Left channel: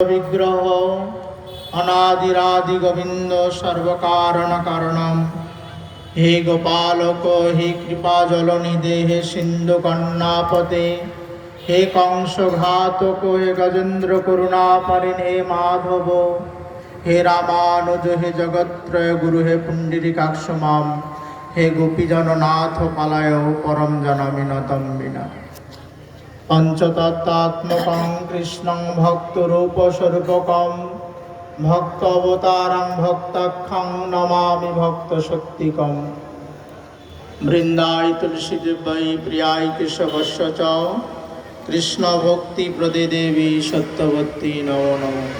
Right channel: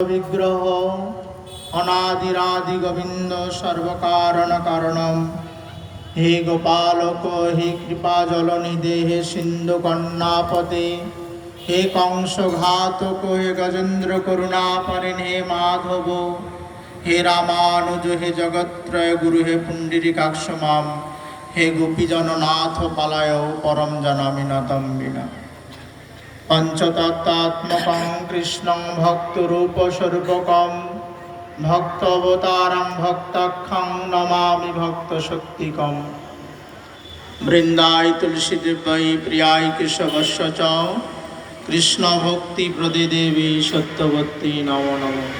विग्रह अनादिरादि गोविंद सर्वकारण कारणम हे गोपालक हे कृपा जलनिधे हे सिंधु कन्नापते हे कंसघातक हे गजेन्द्र करुणा परिण हे माधव हे रामानुज हे जगत्त्रय गुरु हे पुंडरीकाक्ष माम हे गोपीजननाथ पालय परम जनामि न तं विना। पंचतत्त्वात्मकं कृष्णं भक्तरूपस्वरूपकं भक्तावतारं भक्ताख्यं नमामि भक्तशक्तिकं। वृन्दाय तुलसीदेवै प्रियाय केशवस्य च कृष्णभक्तिप्रदे देवी सत्यवती नमो नमः।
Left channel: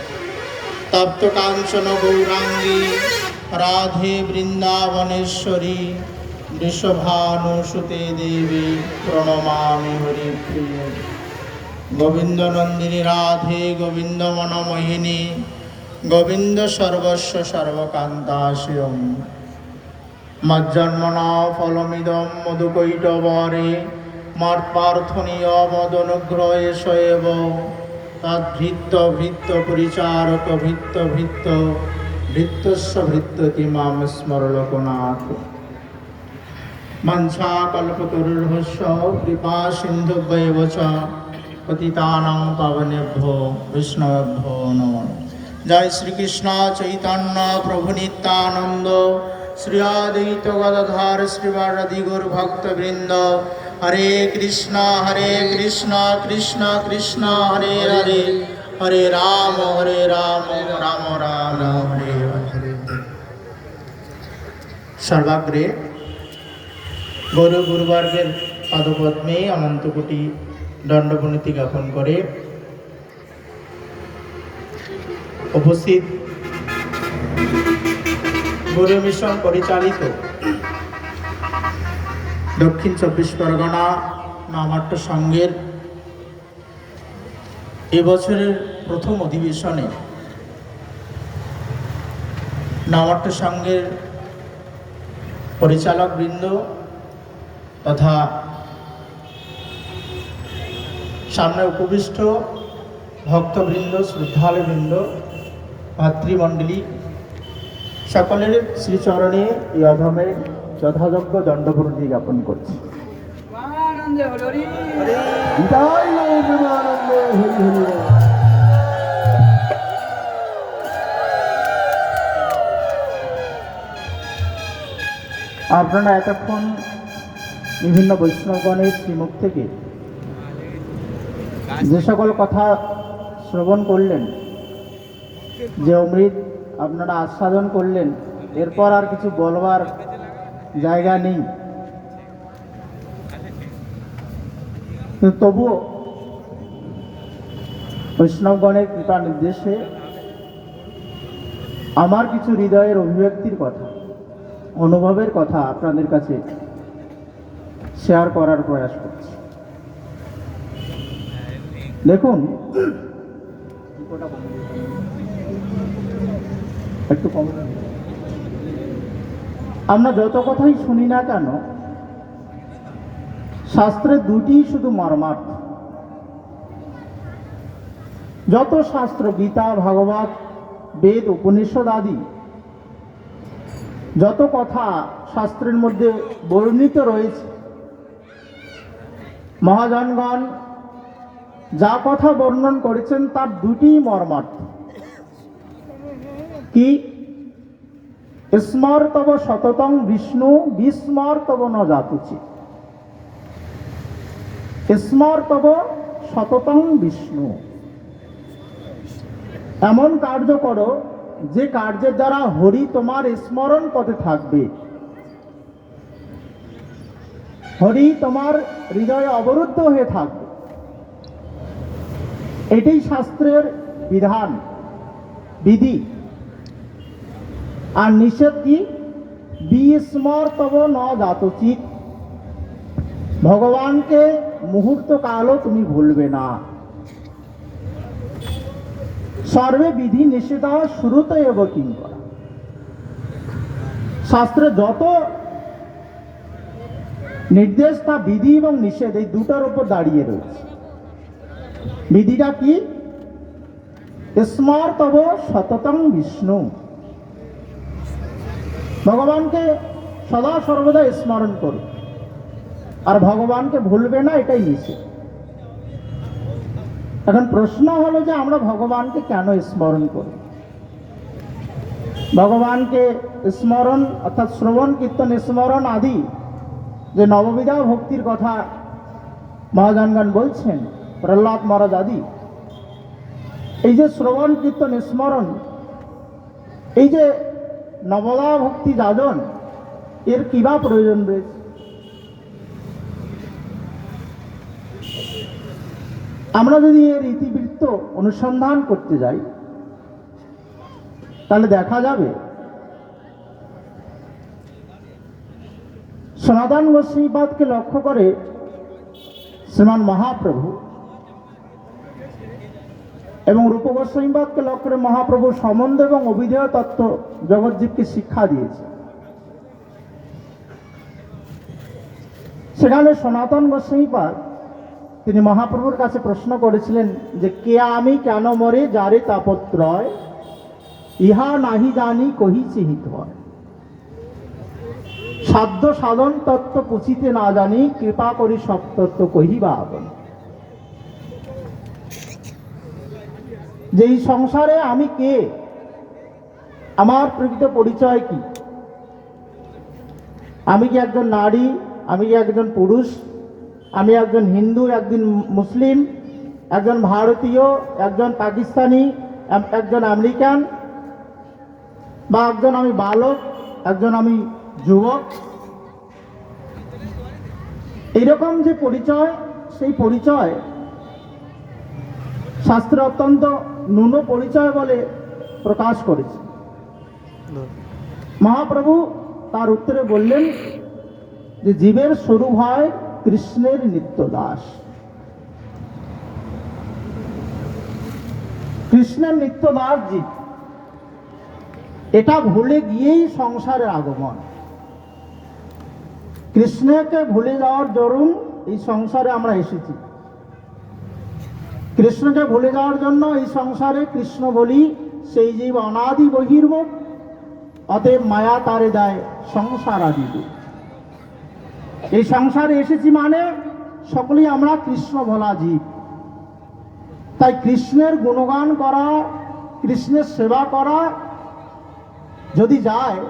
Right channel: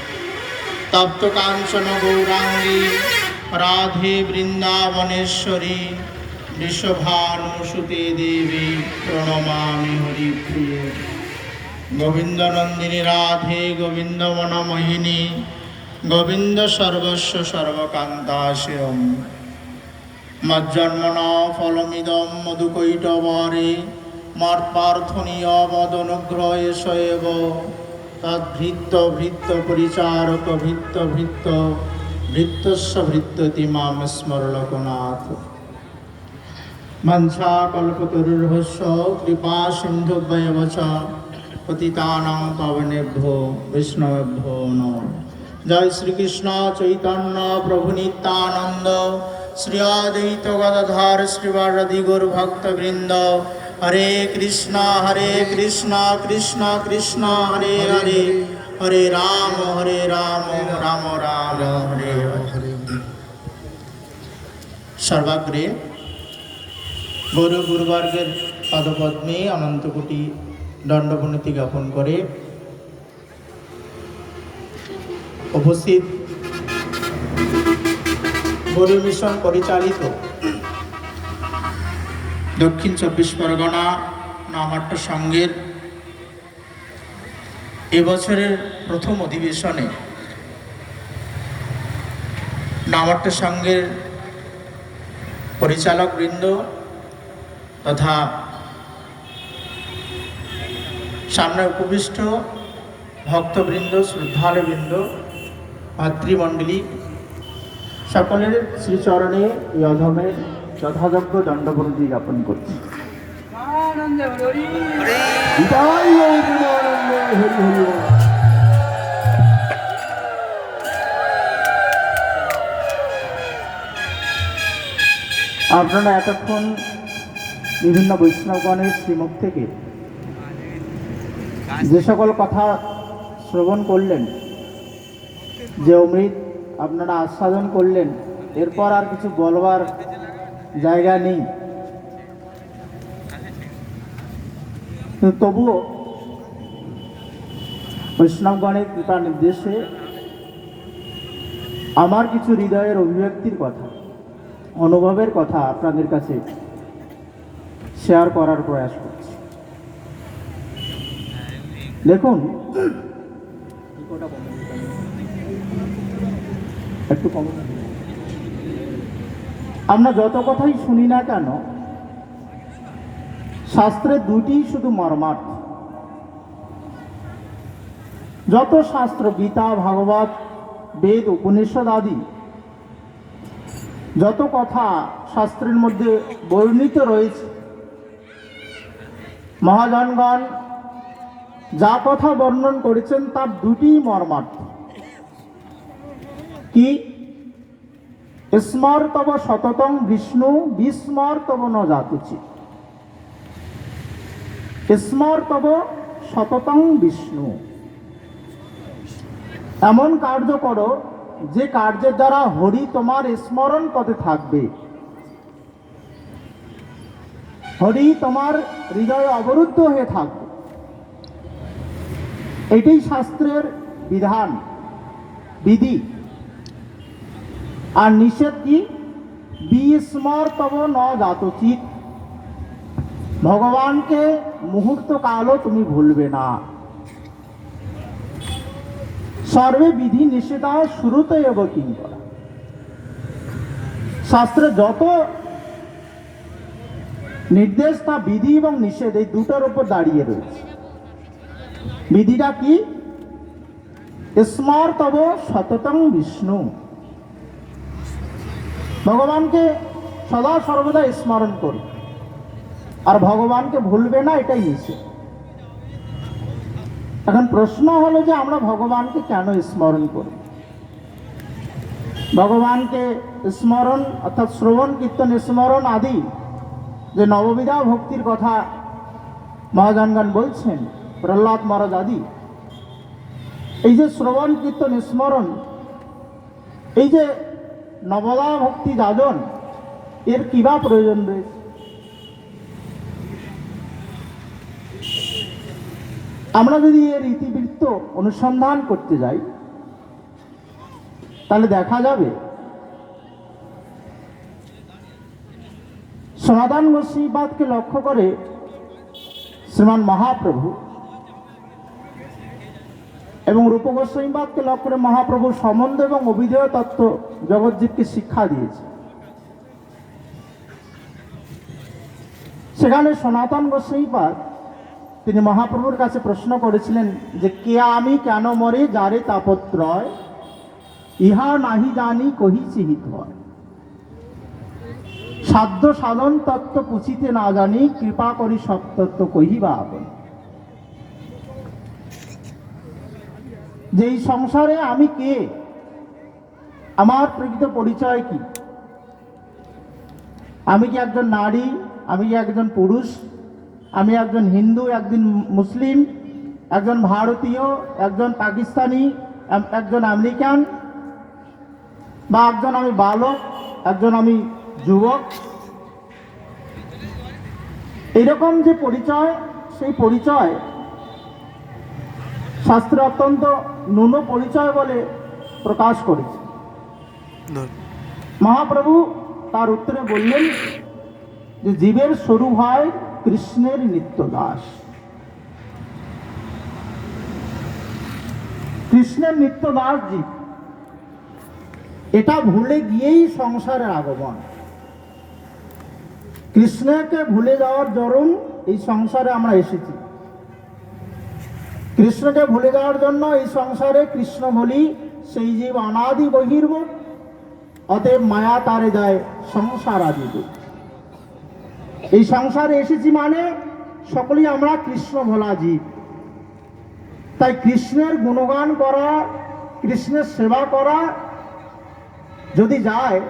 तप्तकाञ्चन गौरांगी राधे वृन्दावनेश्वरी वृषभानुसुते देवी प्रणमामि हरिप्रिये। गोविंदनंदिनी राधे गोविंद मनमोहिनी गोविंद सर्वस्व सर्वकान्ताश्रियम्। मज्जन्मना फलमिदं मधुकैटवरे मत्प्रार्थनीय मदनुग्रहे एव तद्भृत्य भृत्य परिचारक भृत्य भृत्य भृत्यस्य भृत्यति मां स्मर लोकनाथ। मंसाकल्पतरुर्भस्य कृपा सिन्धुभ्येव च पतितानां पावनेभ्यो वैष्णवेभ्यो नमो। जय श्री कृष्ण चैतन्य प्रभु नित्यानंद श्री अद्वैत गदाधर श्रीवासादि गौर भक्तवृंद। हरे कृष्ण कृष्ण कृष्ण हरे हरे हरे राम राम राम हरे हरे। सर्वाग्रे गौर गुरुवर्गेर पदपद्मे अनंत कोटि दंडवनति ज्ञापन करे उपस्थित गौर मिशन परिचालित दक्षिण 24 परगना नामाट्य संघेर এবছরের प्रथम अधिवेशने नामाट्य संघेर परिचालक बृंद तथा सामने उपविष्ट भक्तवृंद श्रद्धालुवृंद भातृमंडली सकलेर श्रीचरणे यथमे यथायोग्य दंडवनति ज्ञापन करछि। আপনারা এতক্ষণ বিভিন্ন বৈষ্ণবগণের শ্রীমুখ থেকে যে সকল কথা শ্রবণ করলেন, যে অমৃত আপনারা আস্বাদন করলেন, এরপর আর কিছু বলবার জায়গা নেই। তবুও বৈষ্ণবগণের কৃপা নির্দেশে আমার কিছু হৃদয়ের অভিব্যক্তির কথা, অনুভবের কথা আপনাদের কাছে শেয়ার করার প্রয়াস করছি। দেখুন, একটু কম। আমরা যত কথাই শুনি না কেন, শাস্ত্রের দুটি শুধু মর্মার্থ। যত শাস্ত্র, গীতা, ভাগবত, বেদ, উপনিষদ আদি যত কথা শাস্ত্রের মধ্যে বর্ণিত রয়েছে, মহাজনগণ যা কথা বর্ণন করেছেন তার দুটি মর্মার্থ। কি? স্মর তব সততং বিষ্ণু বিস্মর তব ন জাতুচি। স্মর তব সততং বিষ্ণু, এমন কার্য করো যে কার্যের দ্বারা হরি তোমার স্মরণ পথে থাকবে, হরি তোমার হৃদয়ে অবরুদ্ধ হয়ে থাকবে। এটাই শাস্ত্রের বিধান, বিধি। আর নিষেধ কি? বিস্মর তব ন জাতচিত, ভগবানকে মুহূর্ত কালও তুমি ভুলবে না। সর্বে বিধি নিষেধা শ্রুত এব কিঙ্কর। শাস্ত্রে যত নির্দেশ তা বিধি এবং নিষেধ এই দুটার উপর দাঁড়িয়ে রয়েছে। বিধিটা কি? স্মর তব সততং বিষ্ণু, ভগবানকে সদা সর্বদা স্মরণ করি, আর ভগবানকে ভুলবে না, এটাই নিশ্চিত। এখন প্রশ্ন হলো যে আমরা ভগবানকে কেন স্মরণ করি? ভগবানকে স্মরণ অর্থাৎ শ্রবণ কীর্তন স্মরণ আদি যে নববিধা ভক্তির কথা মহাজনগণ বলছেন, প্রহ্লাদ মহারাজ আদি, এই যে শ্রবণ কীর্তন স্মরণ, এই যে নবদা ভক্তি যাজন, এর কিবা প্রয়োজন রয়েছে? আমরা যদি এর ইতিবৃত্ত অনুসন্ধান করতে যাই তাহলে দেখা যাবে সনাতন গোস্বামীবাদকে লক্ষ্য করে শ্রীমান মহাপ্রভু এবং রূপ গোস্বামীবাদকে লক্ষ্য করে মহাপ্রভুর সম্বন্ধ এবং অভিধেয় তত্ত্ব জগৎজীবকে শিক্ষা দিয়েছে। সেখানে সনাতন গোস্বামীপাদ তিনি মহাপ্রভুর কাছে প্রশ্ন করেছিলেন যে কে আমি কেন মরে যারে তাপত্রয়, ইহা নাহি জানি কহিছি হিতবর, সাধ্য সাধন তত্ত্ব পুছিতে না জানি, কৃপা করি সব তত্ত্ব কহিবা আবন। যে এই সংসারে আমি কে, আমার প্রকৃত পরিচয় কি? আমি কি একজন নারী, আমি কি একজন পুরুষ, আমি একজন হিন্দু, একজন মুসলিম, একজন ভারতীয়, একজন পাকিস্তানি, একজন আমেরিকান, বা একজন আমি বালক, একজন আমি যুবক? এইরকম যে পরিচয়, সেই পরিচয় শাস্ত্রে অত্যন্ত ন্যূন পরিচয় বলে প্রকাশ করেছে। মহাপ্রভু তার উত্তরে বললেন যে জীবের স্বরূপ হয় কৃষ্ণের নিত্য দাস। কৃষ্ণের নিত্য দাস জীব, এটা ভুলে গিয়েই সংসারে আগমন। কৃষ্ণকে ভুলে যাওয়ার দরুন এই সংসারে আমরা এসেছি। কৃষ্ণকে ভুলে যাওয়ার জন্য এই সংসারে কৃষ্ণ বলি সেই জীব অনাদি বহির্মুখ, অতএব মায়া তারে দেয় সংসার আদি দুঃখ। এই সংসারে এসেছি মানে সকলেই আমরা কৃষ্ণ ভোলা জীব। তাই কৃষ্ণের গুণগান করা, কৃষ্ণের সেবা করা যদি যায়,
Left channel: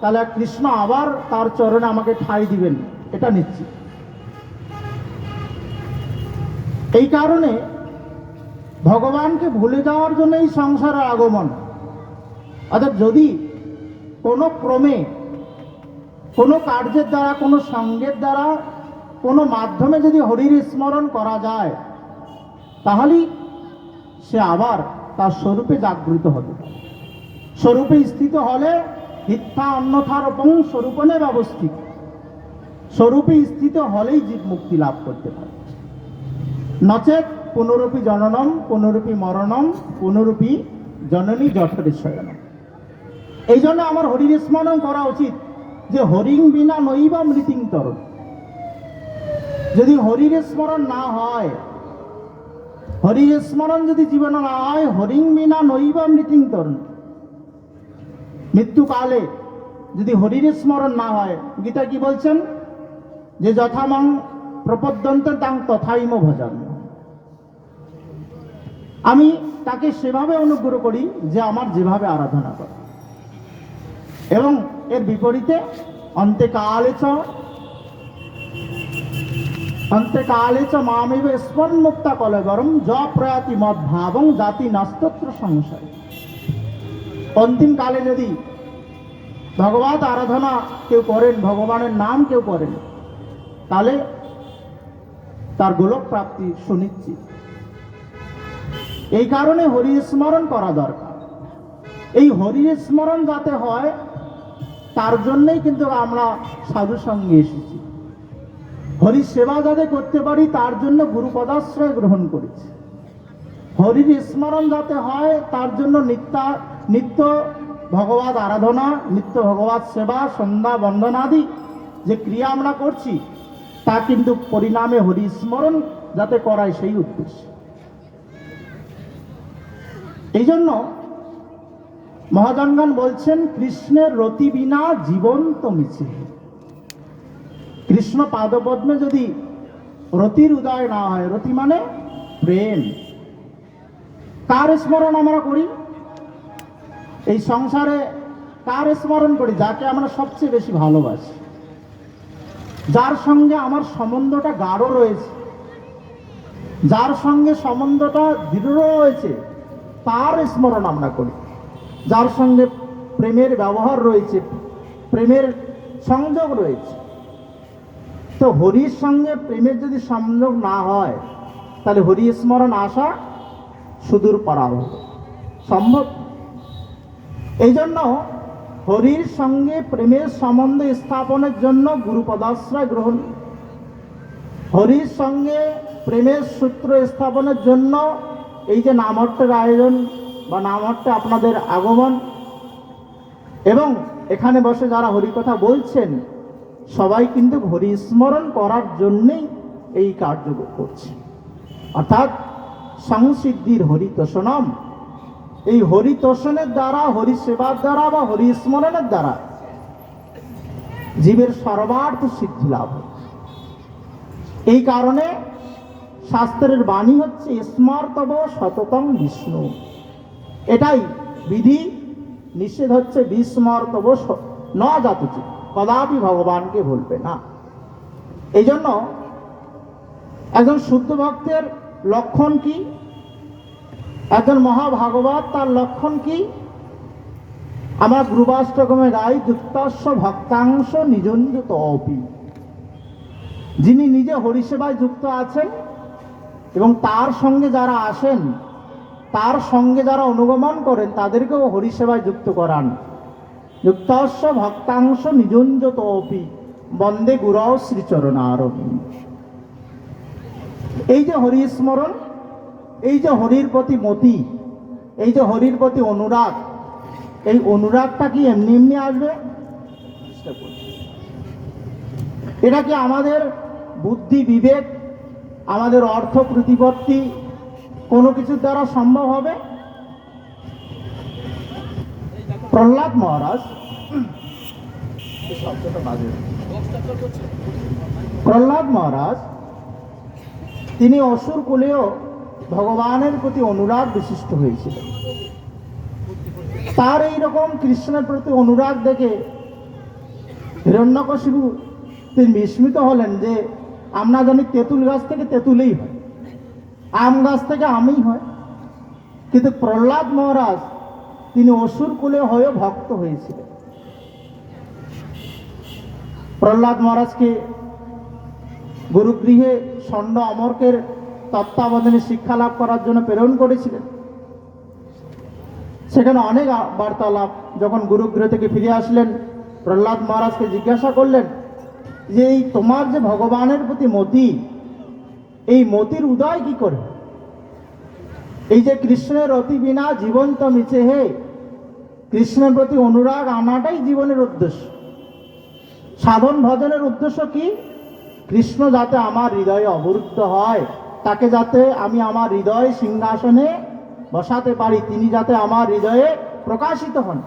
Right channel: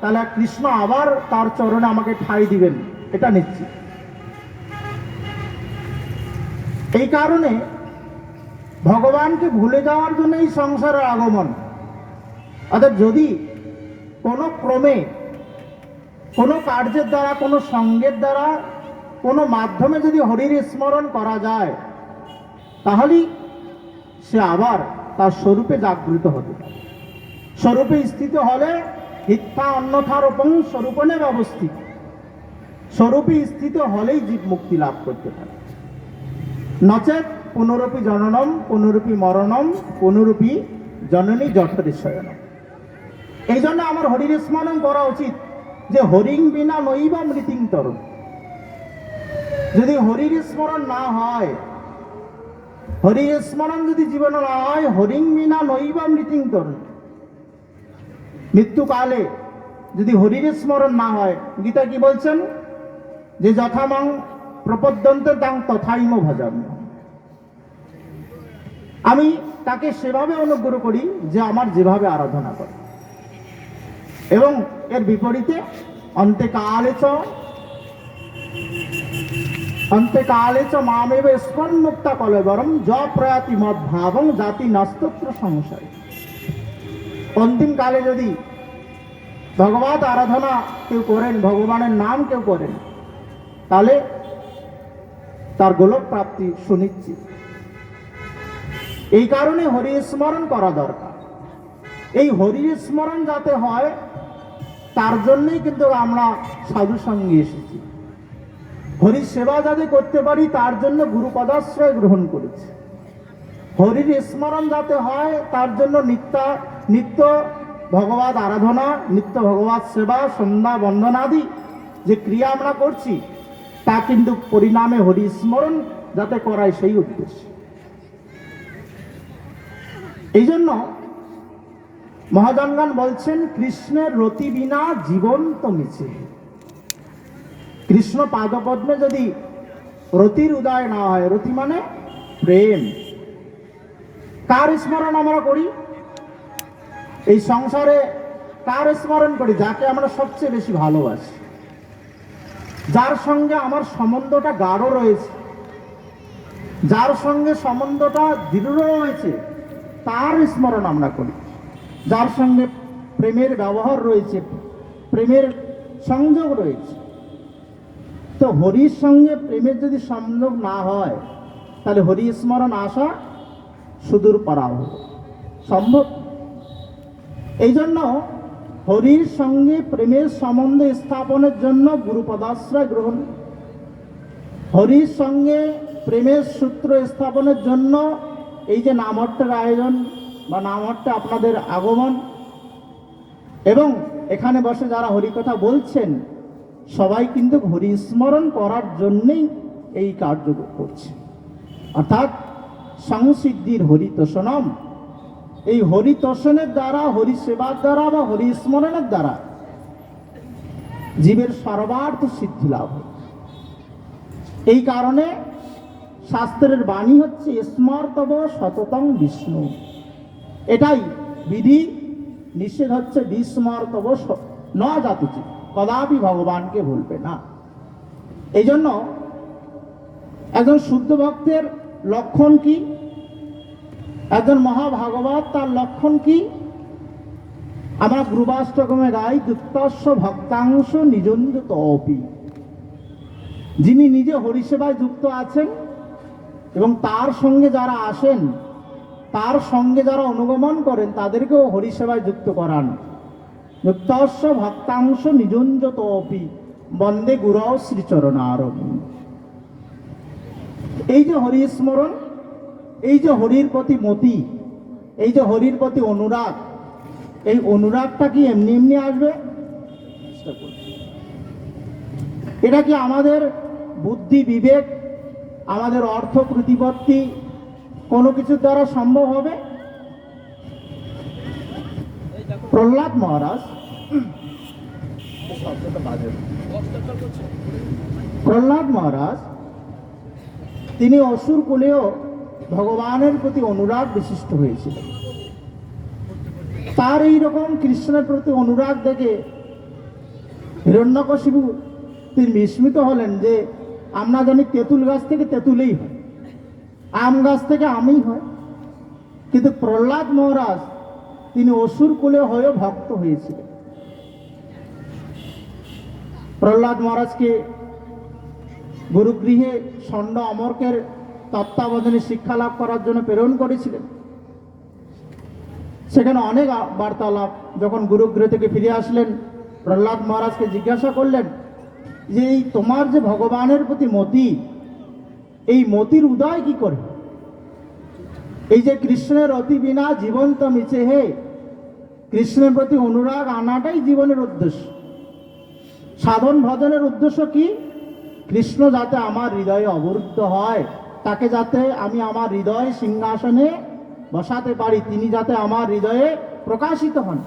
তাহলে কৃষ্ণ আবার তার চরণে আমাকে ঠাঁই দিবেন, এটা নিশ্চিত। এই কারণে ভগবানকে ভুলে যাওয়ার জন্য এই সংসারে আগমন। অর্থাৎ যদি কোনো ক্রমে, কোনো কার্যের দ্বারা, কোনো সঙ্গের দ্বারা, কোনো মাধ্যমে যদি হরির স্মরণ করা যায়, তাহলেই সে আবার তার স্বরূপে জাগৃত হবে। স্বরূপে স্থিত হলে মিথ্যা অন্যথারোপং স্বরূপনে ব্যবস্থিত, স্বরূপে স্থিত হলেই জীব মুক্তি লাভ করতে পারে। নচেত পুনরূপী জননম, পুনরূপী মরণম, পুনরূপী জননী জঠরে শয়নম। এই জন্য আমার হরির স্মরণ করা উচিত, যে হরিং বিনা নৈবা মৃতিং তরম। যদি হরির স্মরণ না হয়, হরির স্মরণ যদি জীবনে না হয়, হরিং বিনা নৈবা মৃতিং তরম, মৃত্যুকালে যদি হরির স্মরণ না হয়, গীতা কি বলছেন? যে যথামং প্রপদ্যন্তে তাং তথাইম ভজামি। আমি তাকে সেভাবে অনুগ্রহ করি যে আমার যেভাবে আরাধনা করে। এবং এর বিপরীতে অন্তেকালে চ মামেব স্মরণ মুক্তা কলেবরম য প্রয়াতি মদ ভাবং জাতি নাস্তত্র সংশয়। অন্তিম কালে যদি ভগবত আরাধনা কেউ করেন, ভগবানের নাম কেউ করেন, তাহলে তার গোলক প্রাপ্তি সুনিশ্চিত। এই কারণে হরি স্মরণ করা দরকার। এই হরি স্মরণ যাতে হয়, তার জন্যই কিন্তু আমরা সাধু সঙ্গে এসেছি। হরির সেবা যাতে করতে পারি, তার জন্য গুরু পদাশ্রয় গ্রহণ করেছি। হরির স্মরণ যাতে হয়, তার জন্য নিত্য ভগবত আরাধনা, নিত্য ভগবত সেবা, সন্ধ্যা বন্দনাদি যে ক্রিয়া আমরা করছি, তা কিন্তু পরিণামে হরি স্মরণ যাতে করায় সেই উদ্দেশ্য। এই জন্য মহাজনগণ বলছেন, কৃষ্ণের রতি বিনা জীবন্ত মিছে। কৃষ্ণ পাদপদ্মে যদি রতির উদয় না হয়, রতি মানে প্রেম, কার স্মরণ আমরা করি এই সংসারে? কার স্মরণ করি? যাকে আমরা সবচেয়ে বেশি ভালোবাসি, যার সঙ্গে আমার সম্বন্ধটা গাঢ় রয়েছে, যার সঙ্গে সম্বন্ধটা দৃঢ় রয়েছে, তার স্মরণ আমরা করি। যার সঙ্গে প্রেমের ব্যবহার রয়েছে, প্রেমের সংযোগ রয়েছে। তো হরির সঙ্গে প্রেমের যদি সংযোগ না হয়, তাহলে হরি স্মরণ আসা সুদূর পারাও সম্ভব। এই জন্য হরির সঙ্গে প্রেমের সম্বন্ধ স্থাপনের জন্য গুরুপদাশ্রয় গ্রহণ, হরির সঙ্গে প্রেমের সূত্র স্থাপনের জন্য এই যে নামহট্টের আয়োজন বা নামহট্টে আপনাদের আগমন, এবং এখানে বসে যারা হরিকথা বলছেন, সবাই কিন্তু হরি স্মরণ করার জন্যেই এই কার্য করছে। অর্থাৎ সংসিদ্ধির হরিতোষণম, এই হরিতোষণের দ্বারা, হরি সেবার দ্বারা বা হরি স্মরণের দ্বারা জীবের সর্বার্থ সিদ্ধি লাভ হয়। এই কারণে শাস্ত্রের বাণী হচ্ছে স্মর্তব সততং বিষ্ণু। এটাই বিধি, নিষেধ হচ্ছে বিস্মর্তব ন জাতুচি, কদাপি ভগবানকে বলবে না। এই জন্য একজন শুদ্ধ ভক্তের লক্ষণ কি, একজন মহাভাগবত তার লক্ষণ কি? আমরা ধ্রুবাষ্টকমে গাই, যুক্তস্য ভক্তাংশ নিযঞ্জিত অপি। যিনি নিজে হরিসেবায় যুক্ত আছেন এবং তার সঙ্গে যারা আসেন, তার সঙ্গে যারা অনুগমন করেন, তাদেরকেও হরিসেবায় যুক্ত করান। যুক্তস্য ভক্তাংশ নিযঞ্জিত অপি বন্দে গুরৌ শ্রীচরণারবিন্দ। এই যে হরি স্মরণ, এই যে হরির প্রতি মতি, এই যে হরির প্রতি অনুরাগ, এই অনুরাগটা কি এমনি এমনি আসবে? এটা কি আমাদের বুদ্ধি বিবেক, আমাদের অর্থ প্রতিপত্তি কোনো কিছুর দ্বারা সম্ভব হবে? প্রহ্লাদ মহারাজ, প্রহ্লাদ মহারাজ তিনি অসুর কুলেও ভগবানের প্রতি অনুরাগ বিশিষ্ট হয়েছিলেন। তার এইরকম কৃষ্ণের প্রতি অনুরাগ দেখে হিরণ্যকশিপু তিনি বিস্মিত হলেন যে আমরা জানি তেঁতুল গাছ থেকে তেঁতুলেই হয়, আম গাছ থেকে আমই হয়, কিন্তু প্রহ্লাদ মহারাজ তিনি অসুর কুলে হয়েও ভক্ত হয়েছিলেন। প্রহ্লাদ মহারাজকে গুরুগৃহে ষণ্ড অমরকের তত্ত্বাবধানে শিক্ষা লাভ করার জন্য প্রেরণ করেছিলেন। সেখানে অনেক বার্তালাপ। যখন গুরুগৃহ থেকে ফিরে আসলেন, প্রহ্লাদ মহারাজকে জিজ্ঞাসা করলেন যে এই তোমার যে ভগবানের প্রতি মতি, এই মতির উদয় কি করে? এই যে কৃষ্ণের অতি বিনা জীবন্ত মিছে হে, কৃষ্ণের প্রতি অনুরাগ আনাটাই জীবনের উদ্দেশ্য। সাধন ভজনের উদ্দেশ্য কি? কৃষ্ণ যাতে আমার হৃদয়ে অবরুদ্ধ হয়, তাকে যাতে আমি আমার হৃদয় সিংহাসনে বসাতে পারি, তিনি যাতে আমার হৃদয়ে প্রকাশিত হন।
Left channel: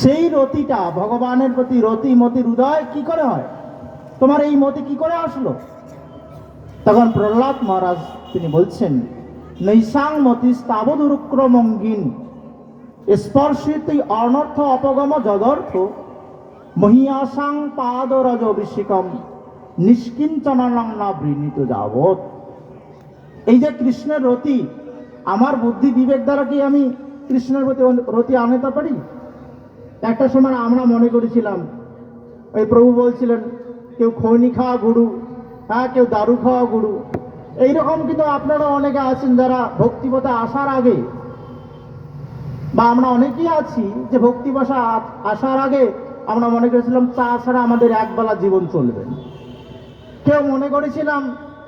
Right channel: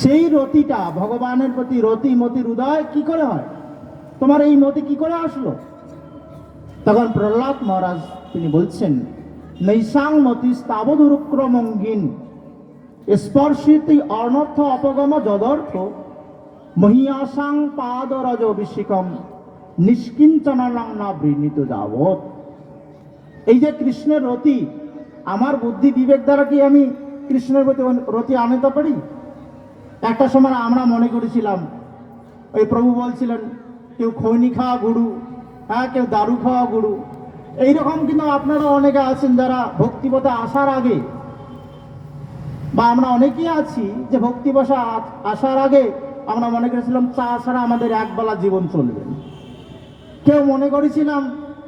সেই রতিটা, ভগবানের প্রতি রতি মতির উদয় কি করে হয়? তোমার এই মতি কি করে আসলো? তখন প্রহ্লাদ মহারাজ তিনি বলছেন, নৈসাং মতি স্তাবদুরুক্রমঙ্গিন স্পর্শিত অনর্থ অপগম যদর্থ মহিয়াসাং পাদরজ অভিষেকম নিষ্কিঞ্চনাং না বৃণীত যাবৎ। এই যে কৃষ্ণের রতি, আমার বুদ্ধি বিবেক দ্বারা কি আমি কৃষ্ণের প্রতি রতি আনতে পারি? একটা সময় আমরা মনে করেছিলাম, ওই প্রভু বলছিলেন কেউ খৈনি খাওয়া গুরু, হ্যাঁ, কেউ দারু খাওয়া গুরু। এইরকম কিন্তু আপনারা অনেকে আছেন যারা ভক্তিপথে আসার আগে, বা আমরা অনেকেই আছি যে ভক্তিবশা আসার আগে আমরা মনে করেছিলাম চা ছাড়া আমাদের একবেলা জীবন চলবে না। কেউ মনে করেছিলাম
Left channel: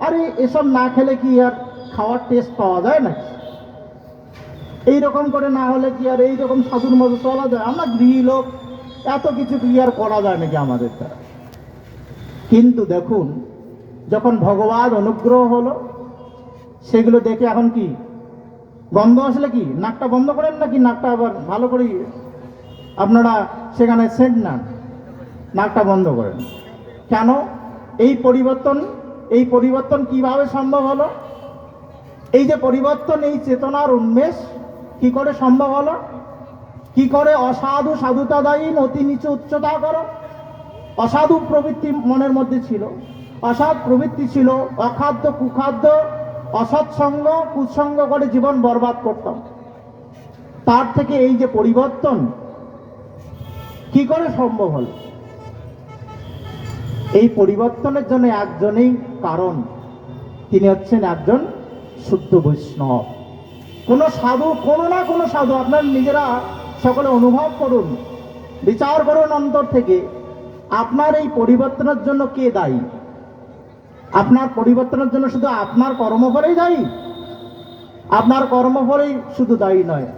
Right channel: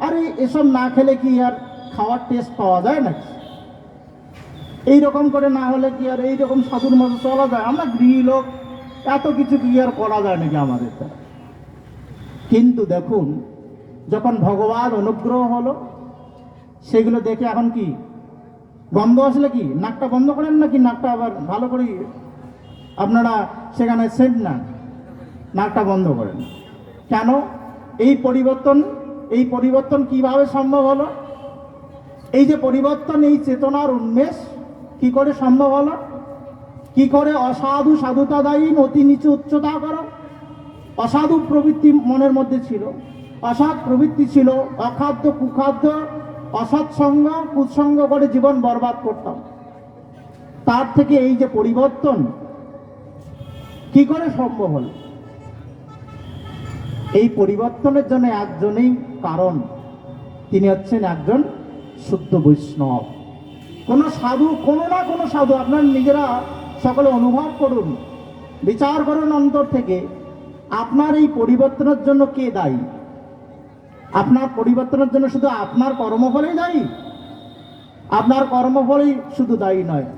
আরে এসব না খেলে কি আর খাওয়ার টেস্ট পাওয়া যায় নাকি, এইরকম করে না হলে কি আর এইরকম সাধুর মতো চলা যায়? আমরা গৃহী লোক, এত কিছু কি আর করা যায় নাকি আমাদের দ্বারা? কিন্তু দেখুন, যখন ভগবান অনুগ্রহ হলো, সেগুলো দেখে এখন কি গন্ধ আসলে কি নাকটা বন্ধ করেন নাকি নাকটা আবার ভালো করে আপনারা সেখানে সেন্ট নেন, নাকটা বন্ধ করেন কেন? এই পরিবর্তন কিভাবে সম্ভব হলো? এই যে পরিবর্তন, এই চেতনার উন্মেষ কি করে সম্ভব হলো? কি করে অসাধু সাধুতাদায়ী অতি নিচু উচ্চতা করো? অসাধু প্রবৃত্তি মনের মধ্যে ছিল, অসৎ প্রবৃত্তি ছিল, অখাদ্য কুখাদ্য অসৎসঙ্গ কুসঙ্গ করে জীবন বরবাদ করতাম। তার থেকে এই যে পরিবর্তন কি করে সম্ভব হল? এই পরিবর্তনের জন্য একজনেই কারণ, তিনি হচ্ছেন একজন শুদ্ধ বৈষ্ণব। কোনো সাধু, কোনো না কোনো সাধু, আপনারা নিজেরা সকলে অনুভব করুন, বিচার করুন অন্তর থেকে, আপনার এই পরিবর্তনের জন্য কে দায়ী? আপনার পরিবর্তনের জন্য শুধু আপনার কর্মফলেই দায়ী? আপনার কর্মফলেই শুধু দায়ী নয়,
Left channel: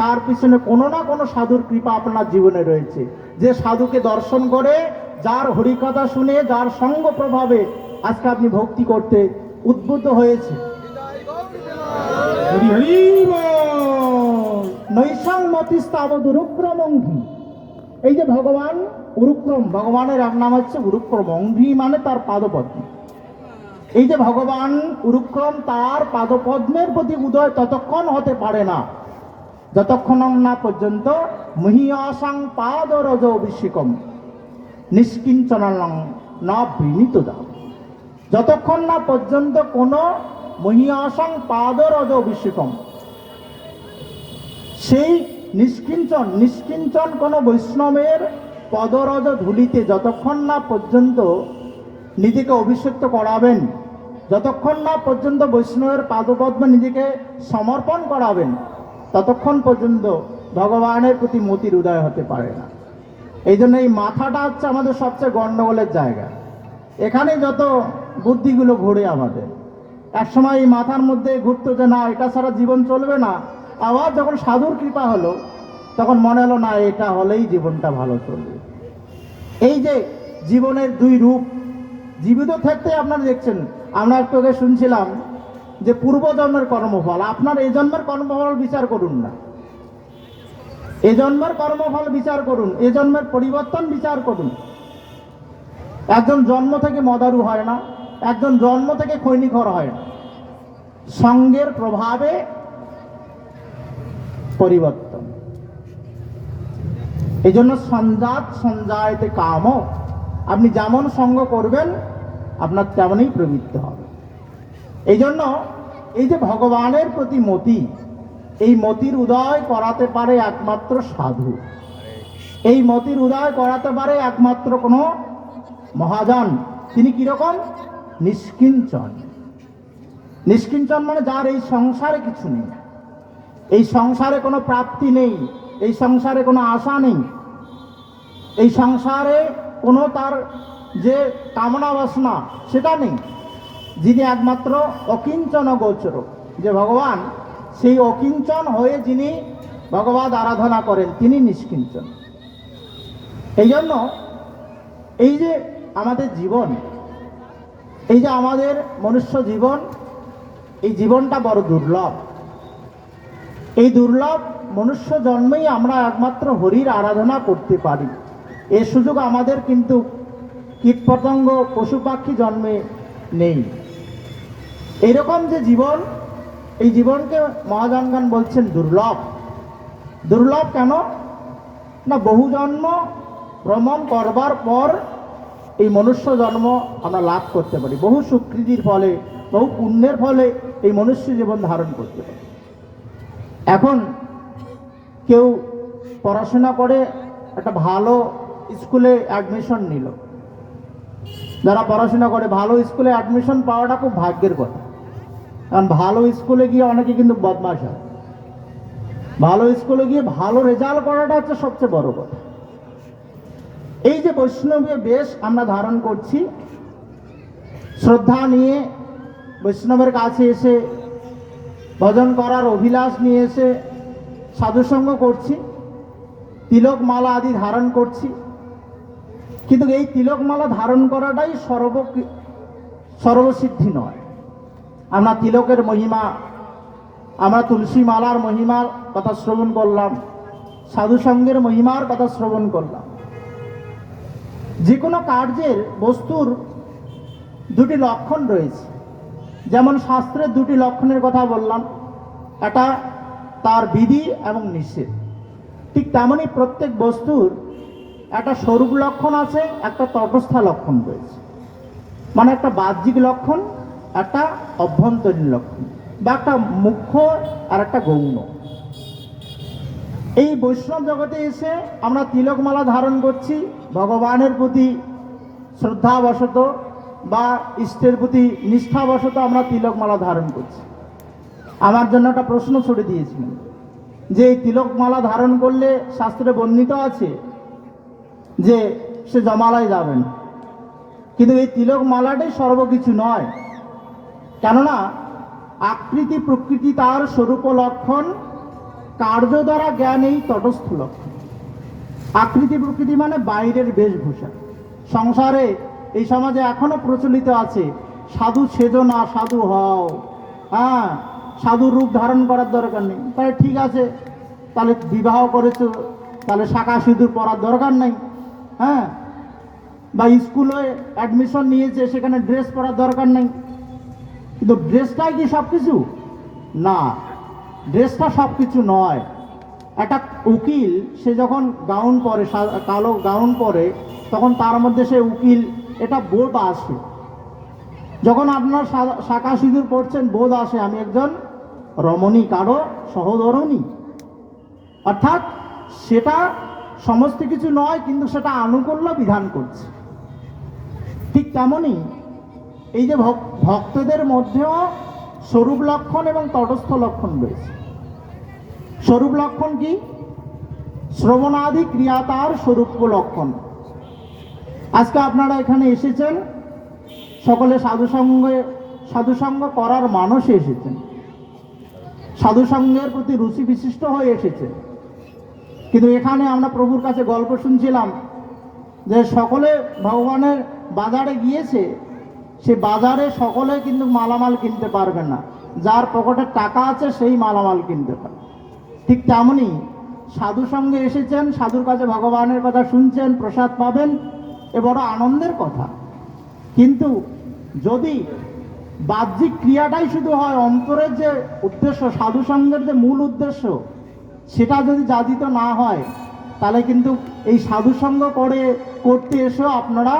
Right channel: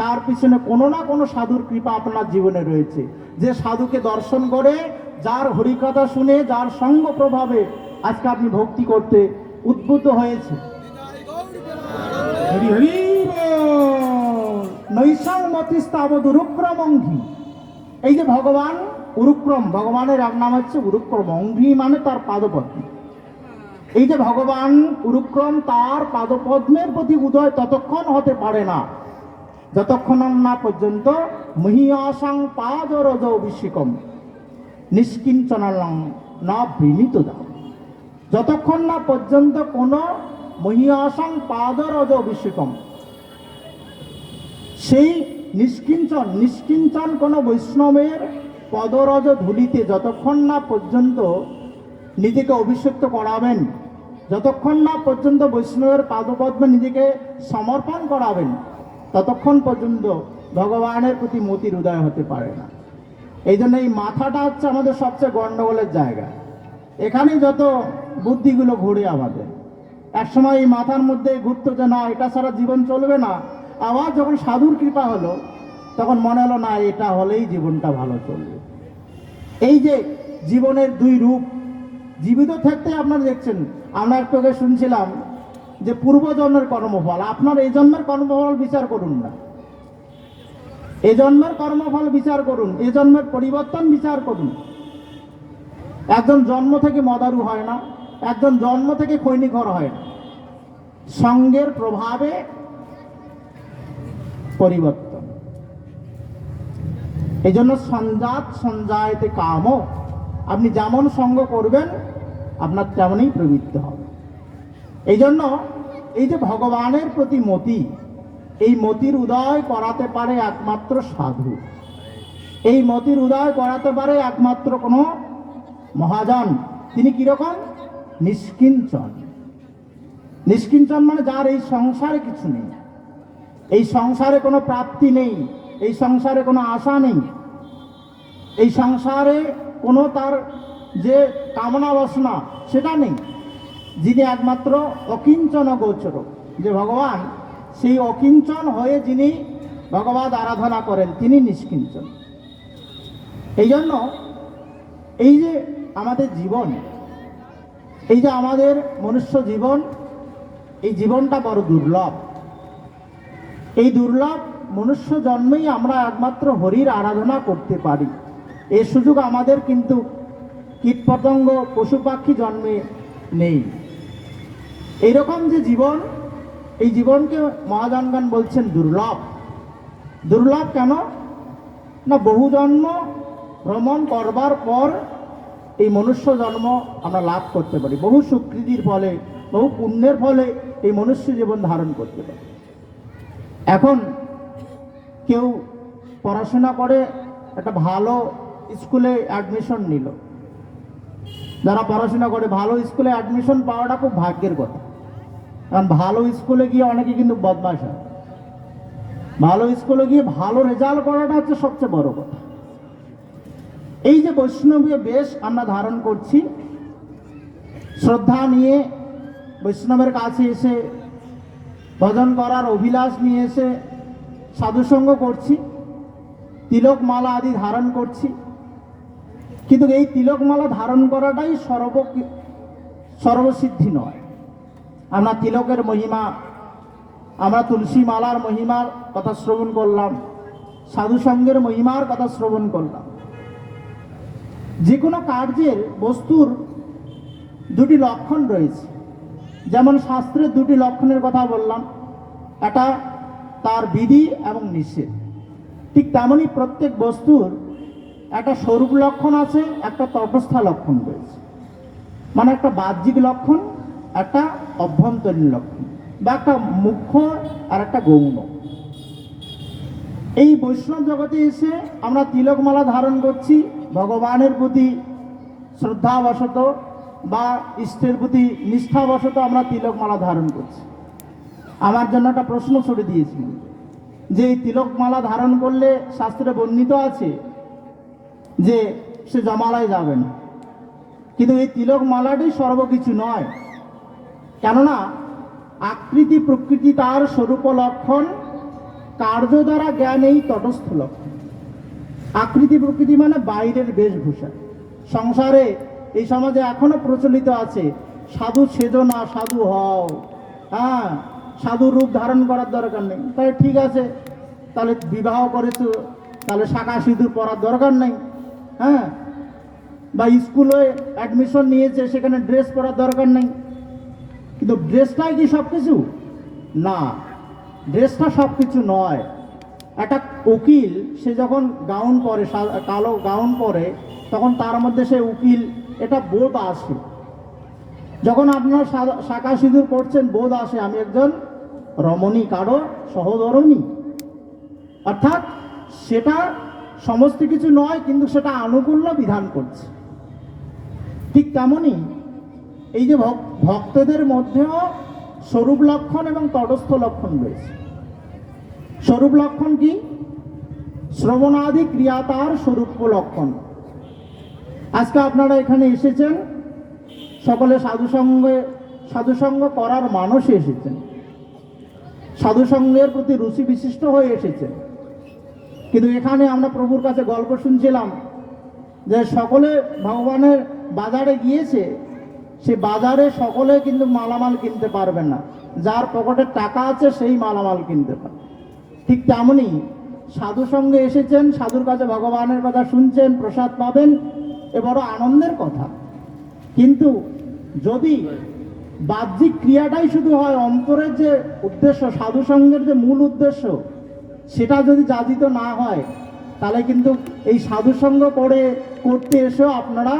তার পিছনে কোনো না কোনো সাধুর কৃপা আপনার জীবনে রয়েছে। যে সাধুকে দর্শন করে, যার হরিকথা শুনে, যার সঙ্গ প্রভাবে আজকে আপনি ভক্তি করতে উদ্বুদ্ধ হয়েছে। নৈশাং মতিস্তাবদ উরুক্রম অঙ্ঘি। এই যে ভগবান উরুক্রম, ভগবানের এক নাম হচ্ছে উরুক্রম, অঙ্ঘি মানে তার পাদপদ্ম। এই যে ভগবান উরুক্রম, তার পাদপদ্মের প্রতি উদয় ততক্ষণ হতে পারে না যতক্ষণ না পর্যন্ত মহিয়াসাং পাদরজ অভিষেকম নিষ্কিঞ্চনং না বিনীত দাম। যতক্ষণ না পর্যন্ত কোনো মহিয়াসাং পাদরজ অভিষেকম, সেই নিষ্কিঞ্চন কোনো বৈষ্ণবের পদরজ ধুলিতে যতক্ষণ না পর্যন্ত নিজেকে অভিষিক্ত করাবেন, যতক্ষণ না পর্যন্ত বৈষ্ণবের পাদপদ্মে নিজেকে সমর্পণ করাবেন, ততক্ষণ পর্যন্ত ভগবানের প্রতি মতির উদয় হতে পারে না। এই জন্য এই মাথাটা হচ্ছে আমাদের সবচেয়ে গণ্ডগোলের জায়গা। এখানেই যত বুদ্ধিগুলো ঘুরে আমাদের। একসময় এই মাথার মধ্যে ঘুরতো যে না, এটা ছাড়া জীবন চলবে না। আবার যখন সাধুর কৃপা হলো, তখন মনে হলো না, এটা হলেই জীবনটা ভালো চলবে। এই যে জীবনের দুই রূপ, জীবিত থাকতে আপনারা দেখছেন, আমরা একটু আগে শুনছিলাম যে পূর্বজন্মের কর্মফল। আপনার এই জন্মের কর্মফল বিচার করুন না, এ জন্মের কর্মফল বিচার করুন, এ জন্মের পরিবর্তন বিচার করুন। একজন জন্ম থেকে মদারু হয় না, একজন জন্ম থেকে খৈনিঘর হয় না। সঙ্গের প্রভাবে পরিবর্তন। এই জন্য সঞ্জাত সঞ্জায়তে কাম, আপনি যেমন সঙ্গ করবেন আপনার তেমনই প্রবৃত্তি হবে। এই জন্য এই যে ভগবানের প্রতি মতি, এই মতির উদয় করাতে পারে একমাত্র সাধু। এই মতির উদয় করাতে পারে একমাত্র কোনো মহাজন। তিনি কিরকম? নিষ্কিঞ্চন। নিষ্কিঞ্চন মানে যার এই সংসারে কিছু নেই, এই সংসারে কোনো প্রাপ্তি নেই, এই সংসারে কোনো আশা নেই, এই সংসারে কোনো তার যে কামনা বাসনা সেটা নেই। যিনি একমাত্র অকিঞ্চন গোচর, যে ভগবান, সেই অকিঞ্চন হয়ে যিনি ভগবান আরাধনা করেন, তিনি নিষ্কিঞ্চন। এই জন্য এই যে আমাদের জীবন, এই যে আমাদের মনুষ্য জীবন, এই জীবনটা বড় দুর্লভ। এই দুর্লভ মনুষ্য জন্মেই আমরা একমাত্র হরির আরাধনা করতে পারি। এর সুযোগ আমাদের কিন্তু কীটপতঙ্গ পশু পাখি জন্মে নেই। এইরকম যে জীবন, এই জীবনকে মহাজনগণ বলছেন দুর্লভ। দুর্লভ কেন না, বহু জন্ম ভ্রমণ করবার পর এই মনুষ্য জন্ম আমরা লাভ করতে পারি। বহু সুকৃতির ফলে, বহু পুণ্যের ফলে এই মনুষ্য জীবন ধারণ করতে পারি। এখন কেউ পড়াশোনা করে একটা ভালো স্কুলে অ্যাডমিশন নিল। যারা পড়াশোনা করে ভালো স্কুলে অ্যাডমিশন পাওয়াটা খুব ভাগ্যের কথা। কারণ ভালো স্কুলে গিয়ে অনেকে কিন্তু বদমাশ হয়। ভালো স্কুলে গিয়ে ভালো রেজাল্ট করাটা হচ্ছে সবচেয়ে বড় কথা। এই যে বৈষ্ণবীয় বেশ আমরা ধারণ করছি, শ্রদ্ধা নিয়ে বৈষ্ণবের কাছে এসে ভজন করার অভিলাষ নিয়ে এসে সাধুসঙ্গ করছি, তিলক মালা আদি ধারণ করছি, কিন্তু এই তিলক মালা ধারণ করাটাই সর্বসিদ্ধি নয়। আমরা তিলকের মহিমা আমরা তুলসী মালার মহিমার কথা শ্রবণ করলাম, সাধু সঙ্গের মহিমার কথা শ্রবণ করলাম। যে কোনো কার্যের বস্তুর দুটি লক্ষণ রয়েছে, যেমন শাস্ত্রের দুটি লক্ষণের কথা বললাম, একটা তার বিধি এবং নিষেধ। ঠিক তেমনই প্রত্যেক বস্তুর একটা স্বরূপ লক্ষণ আছে, একটা তটস্থ লক্ষণ রয়েছে। মানে একটা বাহ্যিক লক্ষণ, একটা অভ্যন্তরীণ লক্ষণ, বা একটা মুখ্য আর একটা গৌণ। এই বৈষ্ণব জগতে এসে আমরা তিলকমালা ধারণ করছি ভগবানের প্রতি শ্রদ্ধাবশত বা ইষ্টের প্রতি নিষ্ঠাবশত আমরা তিলকমালা ধারণ করছি। আমার জন্য একটা প্রশ্ন ছুড়ে দিয়েছিলেন যে এই তিলকমালা ধারণ করলে শাস্ত্রে বর্ণিত আছে যে সে জমালয় যাবেন, কিন্তু এই তিলকমালাটাই সর্বকিছু নয়। কেননা আকৃতি প্রকৃতি তার স্বরূপ লক্ষণ, কার্য দ্বারা জ্ঞান এই তটস্থ লক্ষণ। আকৃতি প্রকৃতি মানে বাইরের বেশভূষা। সংসারে এই সমাজে এখনো প্রচলিত আছে সাধু সেজো না, সাধু হও। হ্যাঁ, সাধু রূপ ধারণ করার দরকার নেই। তাহলে ঠিক আছে, তাহলে বিবাহ করেছো, তাহলে শাখা সিঁদুর পরার দরকার নেই। হ্যাঁ, বা স্কুলে অ্যাডমিশন নিয়েছে, সেখানে ড্রেস পরার দরকার নেই। কিন্তু ড্রেসটাই কি সব কিছু? না, ড্রেসটা সব কিছু নয়। একটা উকিল সে যখন গাউন পরে, কালো গাউন পরে, তখন তার মধ্যে সে উকিল এটা বোধ আসে। যখন আপনার শাখা সিঁদুর পড়ছেন, বোধ আসে আমি একজন রমণী, কারো সহধর্মিণী। অর্থাৎ সেটা সমস্ত কিছু নয়, কিন্তু সেটা আনুকূল্য বিধান করছে। ঠিক তেমনই এই যে ভক্তদের মধ্যেও স্বরূপ লক্ষণ এবং তটস্থ লক্ষণ রয়েছে। স্বরূপ লক্ষণ কি? শ্রবণাদি ক্রিয়া তার স্বরূপ লক্ষণ। আজকে আপনারা এখানে এসেছেন, সকলে সাধুসঙ্গ করার মানসে এসেছেন, সাধুসঙ্গের প্রতি রুচি বিশিষ্ট হয়ে এসেছেন। কিন্তু এখানে আমরা প্রভুর কাছে গল্প শুনছিলাম যে সকলে ভগবানের বাজারে গিয়েছে, সে বাজারে সকলে কিন্তু মালামাল কিনতে পারবে না, যার পকেটে টাকা আছে সেই মালামাল কিনতে পারে। ঠিক তেমনই সাধু সঙ্গে এসেছেন, সাধুর কাছে ভগবানের কথা শুনছেন, প্রসাদ পাবেন, এ বড় আনন্দের কথা। কিন্তু যদি বাহ্যিক ক্রিয়াটাই শুধু হয়, অন্তরের যে উদ্দেশ্য, সাধু সঙ্গের যে মূল উদ্দেশ্য, সেটা যদি যাজিত না হয়, তাহলে কিন্তু এই সাধুসঙ্গ করতে এসেও আপনারা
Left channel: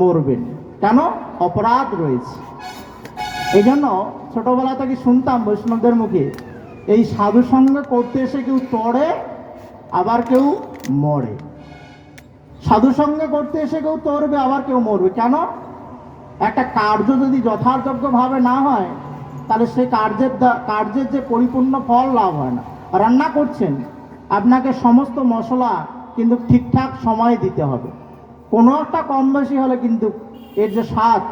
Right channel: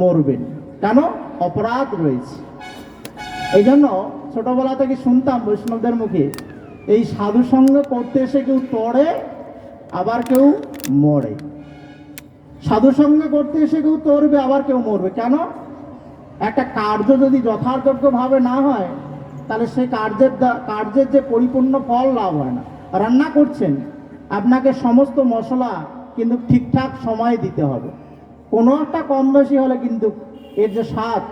মরবেন। কেন? অপরাধ রয়েছে। এই জন্য ছোটবেলা থেকে শুনতাম বৈষ্ণবদের মুখে, এই সাধুসঙ্গ করতে এসে কেউ তরে, আবার কেউ মরে। সাধুসঙ্গ করতে এসে কেউ তরবে, আবার কেউ মরবে। কেন? একটা কার্য যদি যথাযোগ্যভাবে না হয়, তাহলে সেই কার্যের যে পরিপূর্ণ ফল লাভ হয় না। রান্না করছেন, আপনাকে সমস্ত মশলা কিন্তু ঠিকঠাক সময়ে দিতে হবে। কোনো একটা কম বেশি হলে কিন্তু এর যে স্বাদ,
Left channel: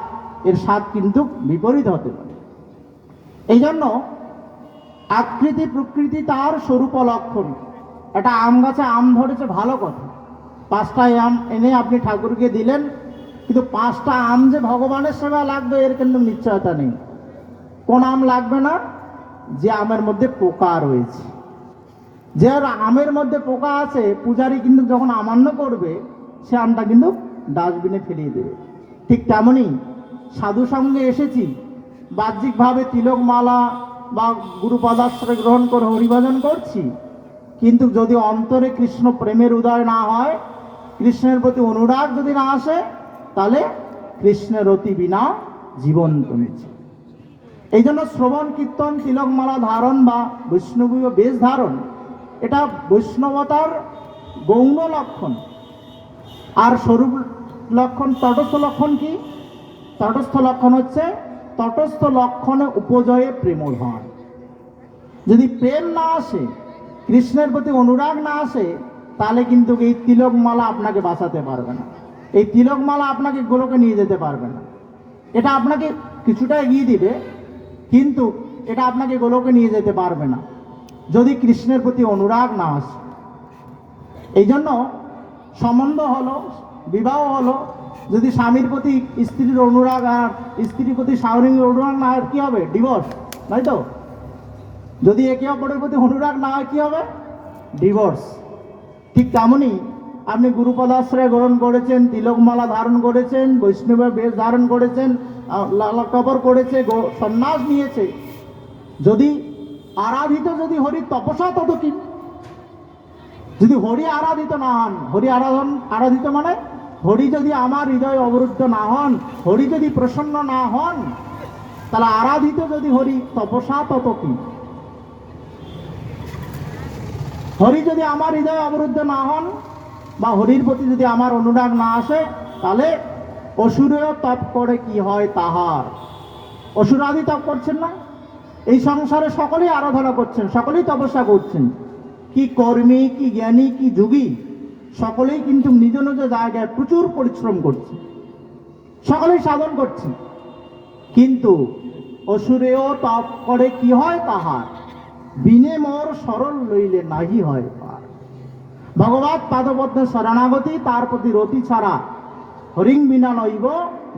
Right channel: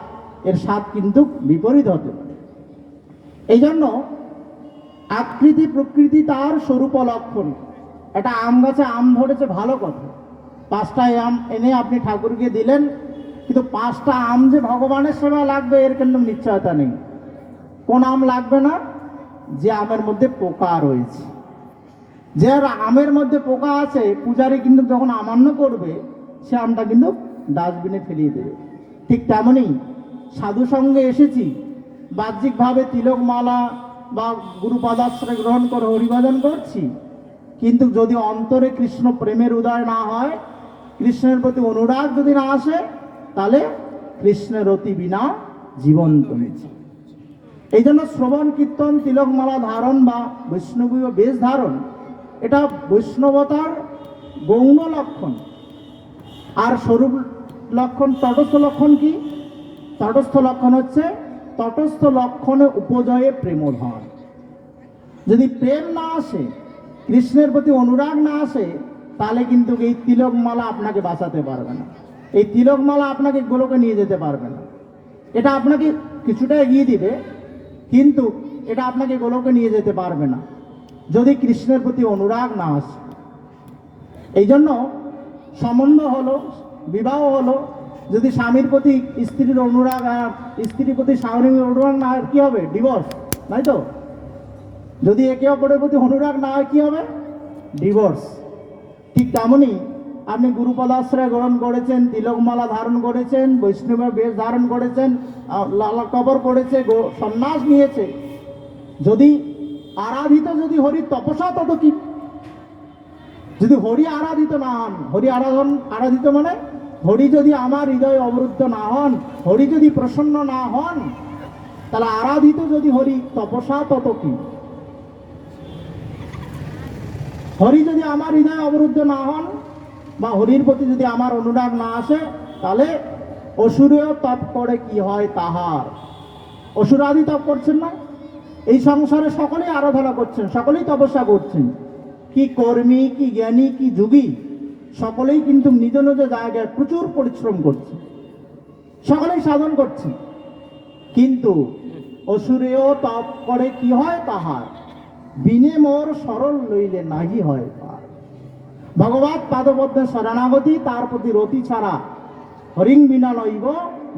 এর স্বাদ কিন্তু বিপরীত হতে পারে। এই জন্য আকৃতি প্রকৃতি তার স্বরূপ লক্ষণ। একটা আম গাছে আম ধরেছে, ভালো কথা, 5টা আম এনে আপনি ঠাকুরকে দিলেন, কিন্তু 5টা আম যে ভগবানের সেবা লাগবে এর কিন্তু নিশ্চয়তা নেই। কোন আম লাগবে না? যে আমের মধ্যে পোকা রয়েছে। যে আমের মধ্যে পোকা আছে, পূজারী কিন্তু যখন আমান্য করবে, সে আমটা কিন্তু ডাস্টবিনে ফেলিয়ে দেবে। ঠিক তেমনই সাধু সঙ্গে এসেছি, বাহ্যিকভাবে তিলকমালা বা গুরুপদাশ্রয় গ্রহণ করে হরিভজন করছি, কিন্তু যদি অন্তরে কৃষ্ণ প্রেমের উদয় না হয়, কৃষ্ণের প্রতি অনুরাগ যদি না আসে, তাহলে কৃষ্ণের অতি বিনা জীবন কমেছে। এই জন্য শ্রবণ কীর্তন, তিলকমালা ধারণ বা বৈষ্ণবীয় বেশ ধারণ, এটা বৈষ্ণবতার গৌণ লক্ষণ। আর স্বরূপ লক্ষণ, তটস্থ লক্ষণ কি? তটস্থ লক্ষণ হচ্ছে তটস্থ লক্ষণে উপজয়ে প্রেমভাব। যদি প্রেম না আসে, কৃষ্ণের প্রতি অনুরাগ না আসে, তাহলে কিন্তু এই তিলকমালা আপনাকে বাঁচাতে পারবে না। এই তিলকমালা আপনাকে গোলকে নিয়ে যেতে পারবে না। এটা আপনাকে কিছুটা এগিয়ে দিবে, কিন্তু এটা আপনাকে গোলকে নিয়ে যেতে পারবে না যদি কৃষ্ণের প্রতি অনুরাগ না আসে। এই জন্য সম্বন্ধ হলো, বিবাহ হলো, যদি স্বামীর প্রতি স্ত্রীর অনুরাগ আর স্ত্রীর প্রতি স্বামীর অনুরাগ না, কি হবে? ডিভোর্স, তাই তো? যদি একে অপরের প্রতি অনুরাগ না হয় কি হবে? ডিভোর্স। ঠিক তেমনই আপনি গুরুপদাশ্রয় গ্রহণ করেছেন, তিলকমালা ধারণ করেছেন, বৈষ্ণবের বেশ ধারণ করেছেন, কবর করেছে, সন্ন্যাস নিয়েছে, যদি আরাধিত যদি হরি তপসা তত কি? যদি হরি আরাধিত না হন, হরি আরাধিত মানে হরি যদি আমার হৃদয় অবরুদ্ধ না হন, হরি যদি প্রসন্ন না হন, তাহলে আরাধিত যদি হরি তপসা তত কি? হরি যদি আমার হৃদয় অবরুদ্ধ না হন বা হরির প্রতি যদি আমার অনুরাগ না আসে, তাহলে অসুরেও তপ করে কি হয় তাহার। অসুরাদি তপ করছেন না? এই সংসারে সকলেই আরাধনা করছেন, সকলেই তপস্যা করছেন, কি কর্মী, কি জ্ঞানী, কি যোগী, সকলেই কিন্তু নিজ নিজ জায়গায় প্রচুর পরিশ্রম করছে, সকলেই সাধন করছে, কিন্তু অসুরেও তপ করে কি হয় তাহার। বিনে মোর সরল লইলে নাহি হয় পার। ভগবৎ পাদপদ্মে শরণাগতি, তার প্রতি রতি ছাড়া হরিং বিনা নইব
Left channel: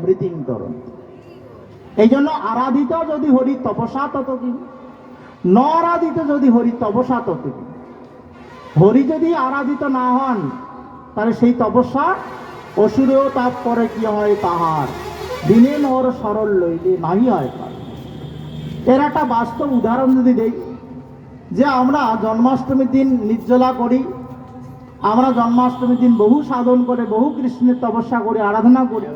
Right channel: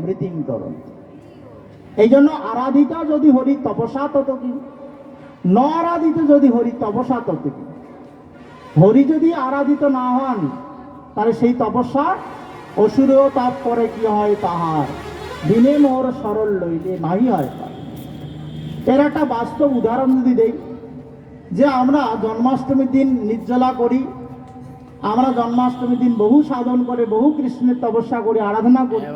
মৃতিং তরণ। এই জন্য আরাধিত যদি হরি তপসা তত কি, ন আরাধিত যদি হরি তপসা তত কি। হরি যদি আরাধিত না হন, তাহলে সেই তপস্যা অসুরেও তাপ করে কি হয় তাহার। বিনে মোর সরল লইলে নাহি হয় পার। এর একটা বাস্তব উদাহরণ যদি দেই, যে আমরা জন্মাষ্টমীর দিন নির্জলা করি, আমরা জন্মাষ্টমীর দিন বহু সাধন করে, বহু কৃষ্ণের তপস্যা করি, আরাধনা করি,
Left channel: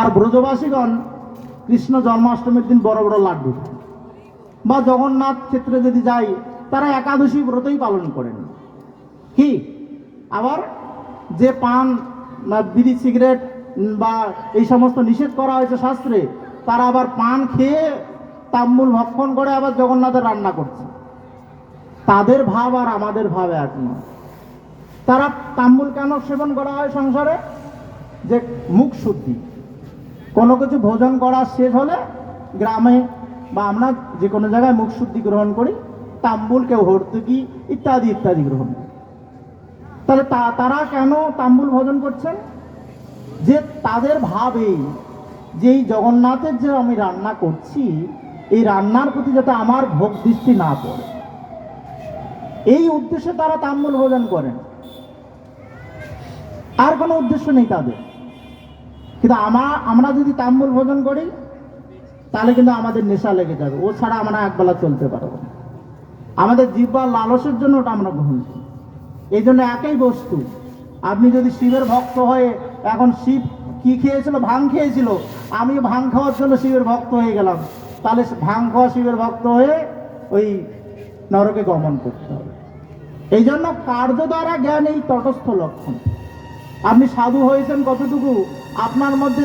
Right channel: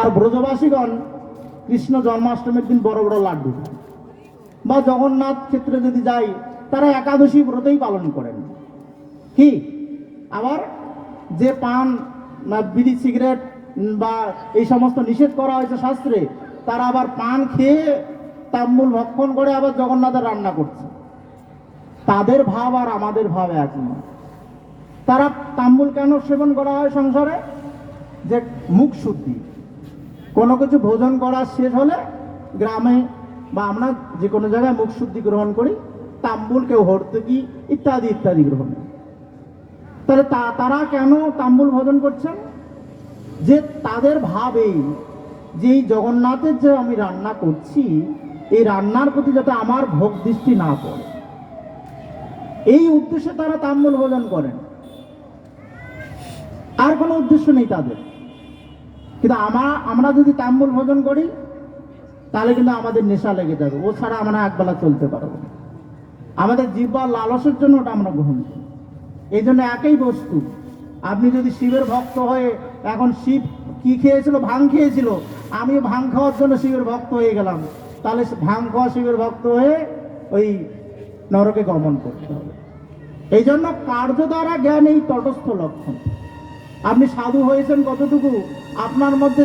আর ব্রজবাসীগণ কৃষ্ণ জন্মাষ্টমীর দিন বড় বড় লাড্ডু, বা জগন্নাথ ক্ষেত্রে যদি যাই, তারা একাদশী ব্রতই পালন করেন। কি আবার যে পান, বিড়ি, সিগারেট বা এই সমস্ত নিষেধ করা হয়েছে শাস্ত্রে, তারা আবার পান খেয়ে তাম্বুল ভক্ষণ করে আবার জগন্নাথের রান্না করছে। তাদের ভাব আর আমাদের ভাব এক নয়। তারা তাম্বুল কেন সেবন করা হয় সংসারে? যে মুখ শুদ্ধি, কোনো কিছু ভোজন করা শেষ হলে গ্রামে বা আমরা যে কোনো জায়গায় মুখ শুদ্ধি গ্রহণ করি, তাম্বুল, কেউ হর্তুকি ইত্যাদি ইত্যাদি গ্রহণ করি। তাহলে তারা কেন তাম্বুল ভোজন করছেন? যে তাদের ভাবে যে এই জগন্নাথের যে আমি রান্না করছি, এই রান্নার প্রতি যাতে আমার ভোগ দৃষ্টি না পড়ে, এই উদ্দেশ্যে তারা তাম্বুল ভোজন করেন, আর কোনো উদ্দেশ্য নেই তাদের। কিন্তু আমরা যদি তাম্বুল ভোজন করি, তাহলে কিন্তু আমাদের নেশা লেগে যাবে, ও ছাড়া আমরা একবেলা চলতে পারবো না। আমাদের জিহ্বার লালসের জন্য ওটা আমরা গ্রহণ করি। এই জন্য একই বস্তু, আপনি যদি শিবের ভক্ত হয়ে, এখন শিব কি খেয়েছিল? ভাং খেয়েছিল, আমি ভাং খাওয়ার জন্য শিবের ভক্ত হয়ে গেলাম, তাহলে ভাং খাওয়া শিবের ভক্ত হয়ে ওই নরকে গমন করতে হবে। এই জন্য কার্য দ্বারা জ্ঞান এই তটস্থ লক্ষণ। আপনি সাধু হয়েছেন কতটুকু, আপনার মধ্যে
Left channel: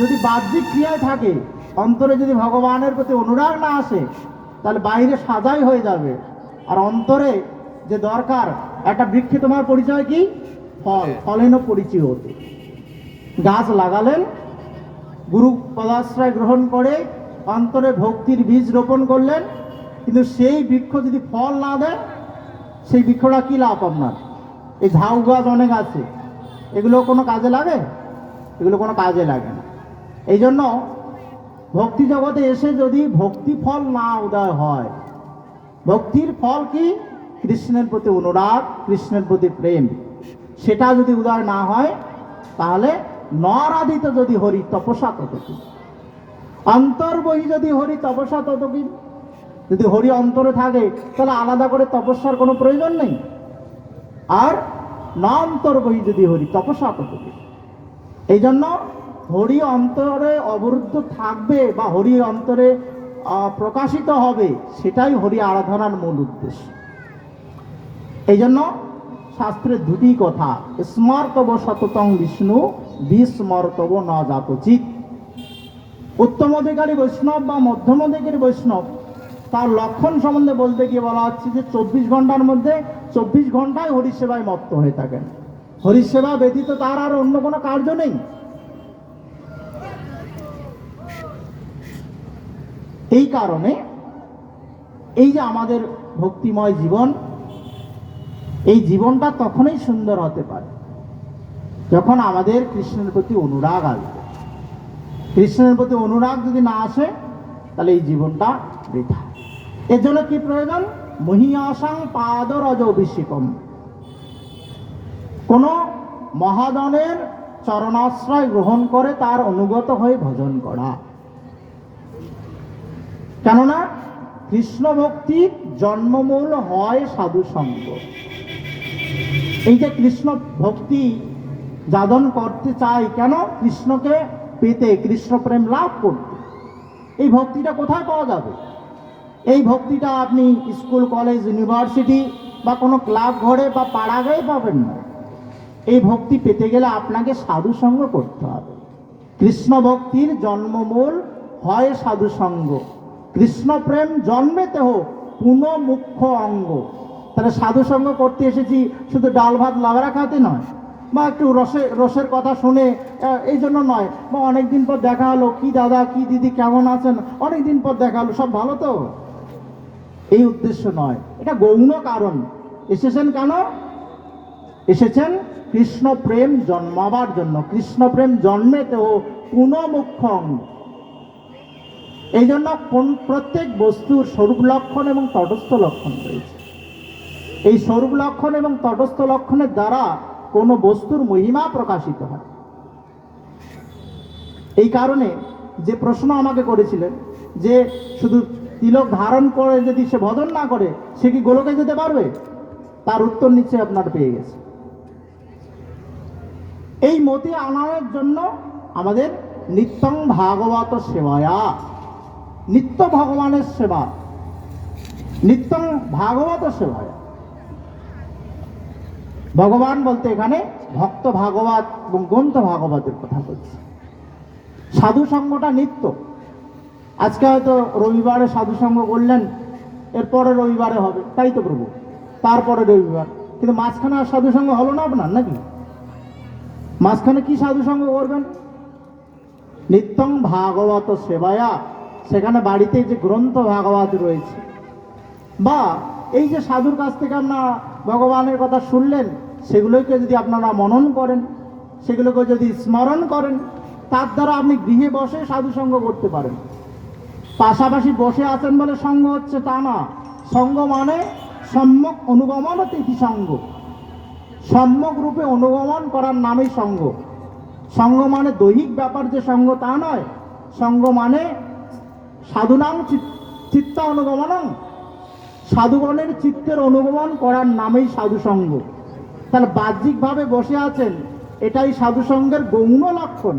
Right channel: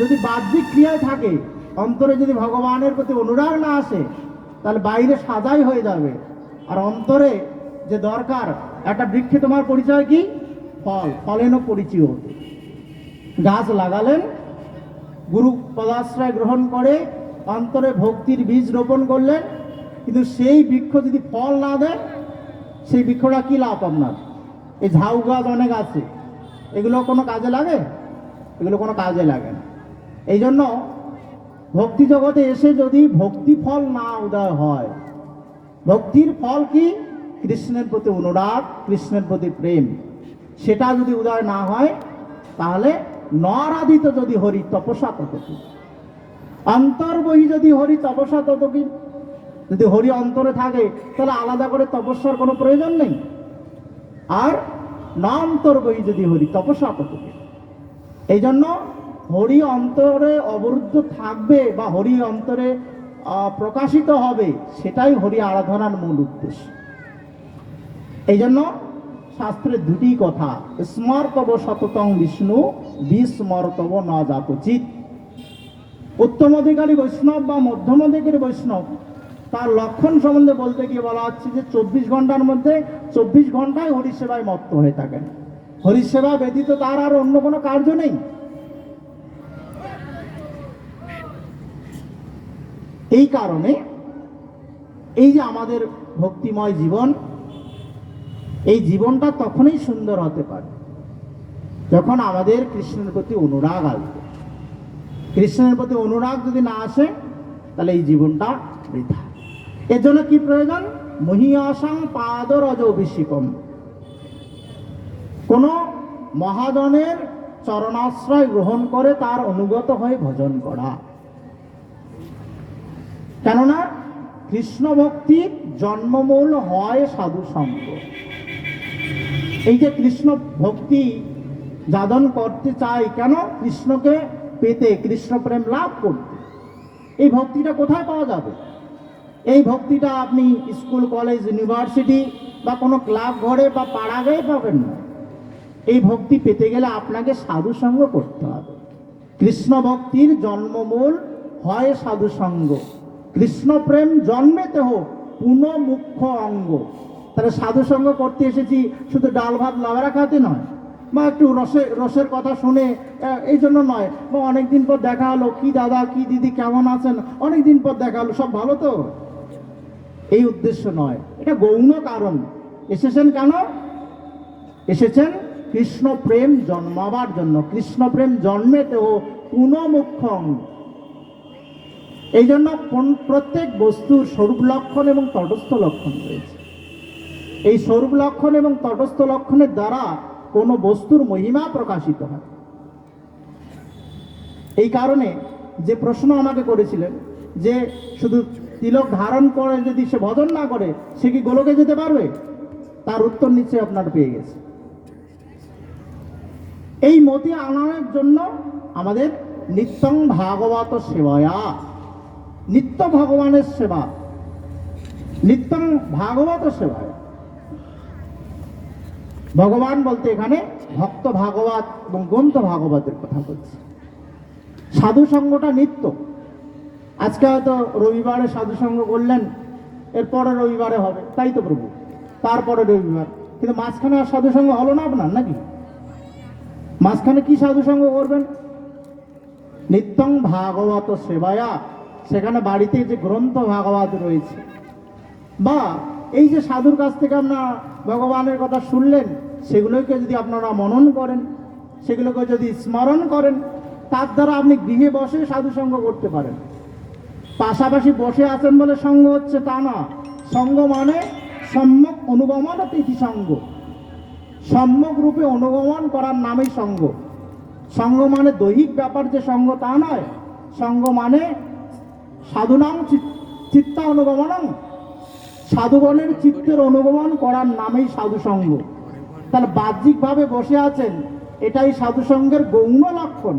যদি বাহ্যিক ক্রিয়ায় থাকে, অন্তরে যদি ভগবানের প্রতি অনুরাগ না আসে, তাহলে বাইরে সাজাই হয়ে যাবে। আর অন্তরে যে দরকার, একটা বৃক্ষে তোমার পরিচয় কি? ফল, ফলেনও পরিচয় হতে। গাছ লাগালেন, গুরু পদাশ্রয় গ্রহণ করে অন্তরে ভক্তির বীজ রোপণ করলেন, কিন্তু সেই বৃক্ষ যদি ফল না দেয়, সেই বৃক্ষটা কি লাভ আপনার? এই ঝাউ গাছ অনেক আছে, এগুলো কোনো কাজে লাগে? এগুলো কোনো কাজে লাগে না। এই জন্য ভক্তি জগতে এসে যদি ভক্তি ফল না উদয় হয়, ভক্তির ফল কি? কৃষ্ণের প্রতি অনুরাগ, কৃষ্ণের প্রতি প্রেম, সেটা যদি উদয় না হয়, তাহলে নরাধিত যদি হরি তপসা তত কি, অন্তর্বহি যদি হরি তপসা তত কি। যদি হরি অন্তরে থাকে, তাহলে আলাদা করে তপস্যার কোনো প্রয়োজন নেই। আর না অন্তর্বহি যদি হরি তপসা তত কি। এই জন্য হরি অন্তরে অবরুদ্ধ থাকবে বা হরি অন্তরে প্রকাশিত হবে, সেটাই হরি আরাধনার মূল উদ্দেশ্য। এই জন্য শাস্ত্রের দুটি কথা, স্মর্তব সততং বিষ্ণু, বিস্মর্তব ন জাতচিৎ। উত্তম অধিকারী বৈষ্ণব বা মধ্যম অধিকারী বৈষ্ণব, তার লক্ষণ সম্বন্ধে বলতে গিয়ে বলা হচ্ছে যে 24 ঘন্টার মধ্যে 24 ঘন্টায় হরিসেবায় মত্ত হয়ে থাকেন। হরিসেবা ব্যতীত তার আর অন্য কোনো কার্য নেই। এই কারণে এই যে আমাদের ভক্তিময় জীবন, এই জীবনটা তখনই সুন্দর হতে পারে যখন আমাদের কৃষ্ণের প্রতি অনুরাগ আসবে। কৃষ্ণের প্রতি অনুরাগ যদি না আসে, তাহলে এই জীবনটা বৃথা। এর জন্য কি প্রয়োজন? মহীয়াসাং পাদরজ অভিষেকম, কোন মহাজনের চরণাশ্রয় গ্রহণ করে তার অনুগত হয়ে ভজন করা। কেননা কৃষ্ণ ভক্তির জন্মমূল হয় সাধু সঙ্গ। এই যে কৃষ্ণ ভক্তি যাদন করতে চাই কেন? কৃষ্ণকে পেতে, কৃষ্ণ প্রেম লাভ করতে। এই ভক্তিটা কোথায় পাওয়া যাবে? এই ভক্তিটা আপনি স্কুল, কলেজ, ইউনিভার্সিটি বা কোনো ক্লাব ঘরে বা পাড়া গায়ে পাবেন না। এই ভক্তি পেতে গেলে আপনাকে সাধু সঙ্গ করতে হবে। কৃষ্ণ ভক্তির জন্মমূল হয় সাধু সঙ্গ। কৃষ্ণ প্রেম জন্মেতে হোক পুনঃ মুখ্য অঙ্গ। তাহলে সাধু সঙ্গ করতে এসেছি শুধু ডাল ভাত লাবড়া খাতে নয়, বা একটু রসের কথা শুনে এই জন্য নয়, বা অনেকদিন পর দেখা হলো, কি দাদা কি দিদি কেমন আছেন, অনেকদিন পর দেখা হলো, সব ভালো তো, এই উদ্দেশ্য নয়। এটা গৌণ কারণ। এসেছেন কেন? এসেছেন কৃষ্ণ প্রেম জন্মাবার জন্য। কৃষ্ণ প্রেম জন্মেতেও পুনঃ মুখ্য অঙ্গ। এই জন্য প্রত্যেক বস্তুর স্বরূপ লক্ষণ এবং তটস্থ লক্ষণ রয়েছে। এই স্বরূপ লক্ষণ এবং তটস্থ লক্ষণের দ্বারা কোনো বস্তুর মহিমা প্রকাশিত হয়। এই কারণে যে প্রশ্ন আমাকে করেছিলেন যে শুধু তিলক ধারণ করে যদি সে ভজন না করে সে কি গোলকে যেতে পারবে, তার উত্তর নিশ্চয়ই আপনারা পেয়ে গেছে। এই মতি আনার জন্য আমাদের নিত্যং ভাগবত সেবায়া, নিত্য ভগবানের সেবা, নিত্যং ভাগবত সেবায়া। ভগবান বলতে এখানে ভক্ত ভাগবত এবং গ্রন্থ ভাগবতের কথা বলছি। সাধু সঙ্গটা নিত্য। আজকে হয়তো রবিবারে সাধু সঙ্গ করলেন, এরপরে রবিবারে হবে, তাই তো প্রভু, তারপরে রবিবার, কিন্তু মাঝখানে আর সাধু সঙ্গ হলো না আপনার নাকি? মাঝখানে কি সাধু সঙ্গ করবেন? নিত্যং ভাগবত সেবায়া, সেখানে বাড়িতে যে গ্রন্থ ভাগবত রয়েছে, বা এই যে সাধুর কাছ থেকে আপনারা ভগবানের কথা শুনলেন, সেগুলোকে যদি আপনারা মনন করেন, সেগুলোকে যদি স্মরণ করেন, তার দ্বারা আপনি গৃহে বসে সাধু সঙ্গ করতে পারেন। পাশাপাশি বসে আছেন বলে সঙ্গ হচ্ছে তা না। সঙ্গ মানে সম্যক অনুগমন তিথি সঙ্গ, সম্যক রূপে অনুগমন করার নামই সঙ্গ। সঙ্গ মানে দৈহিক ব্যাপার যে সঙ্গ তা নয়। সঙ্গ মানে সাধুনাম চিত্তা অনুগমনম, সাধুগণের চিত্তের অনুগমন করার নামেই সাধু সঙ্গ। তাহলে বাহ্যিকভাবে বসে আছেন, এটাই সাধু সঙ্গের গৌণ লক্ষণ,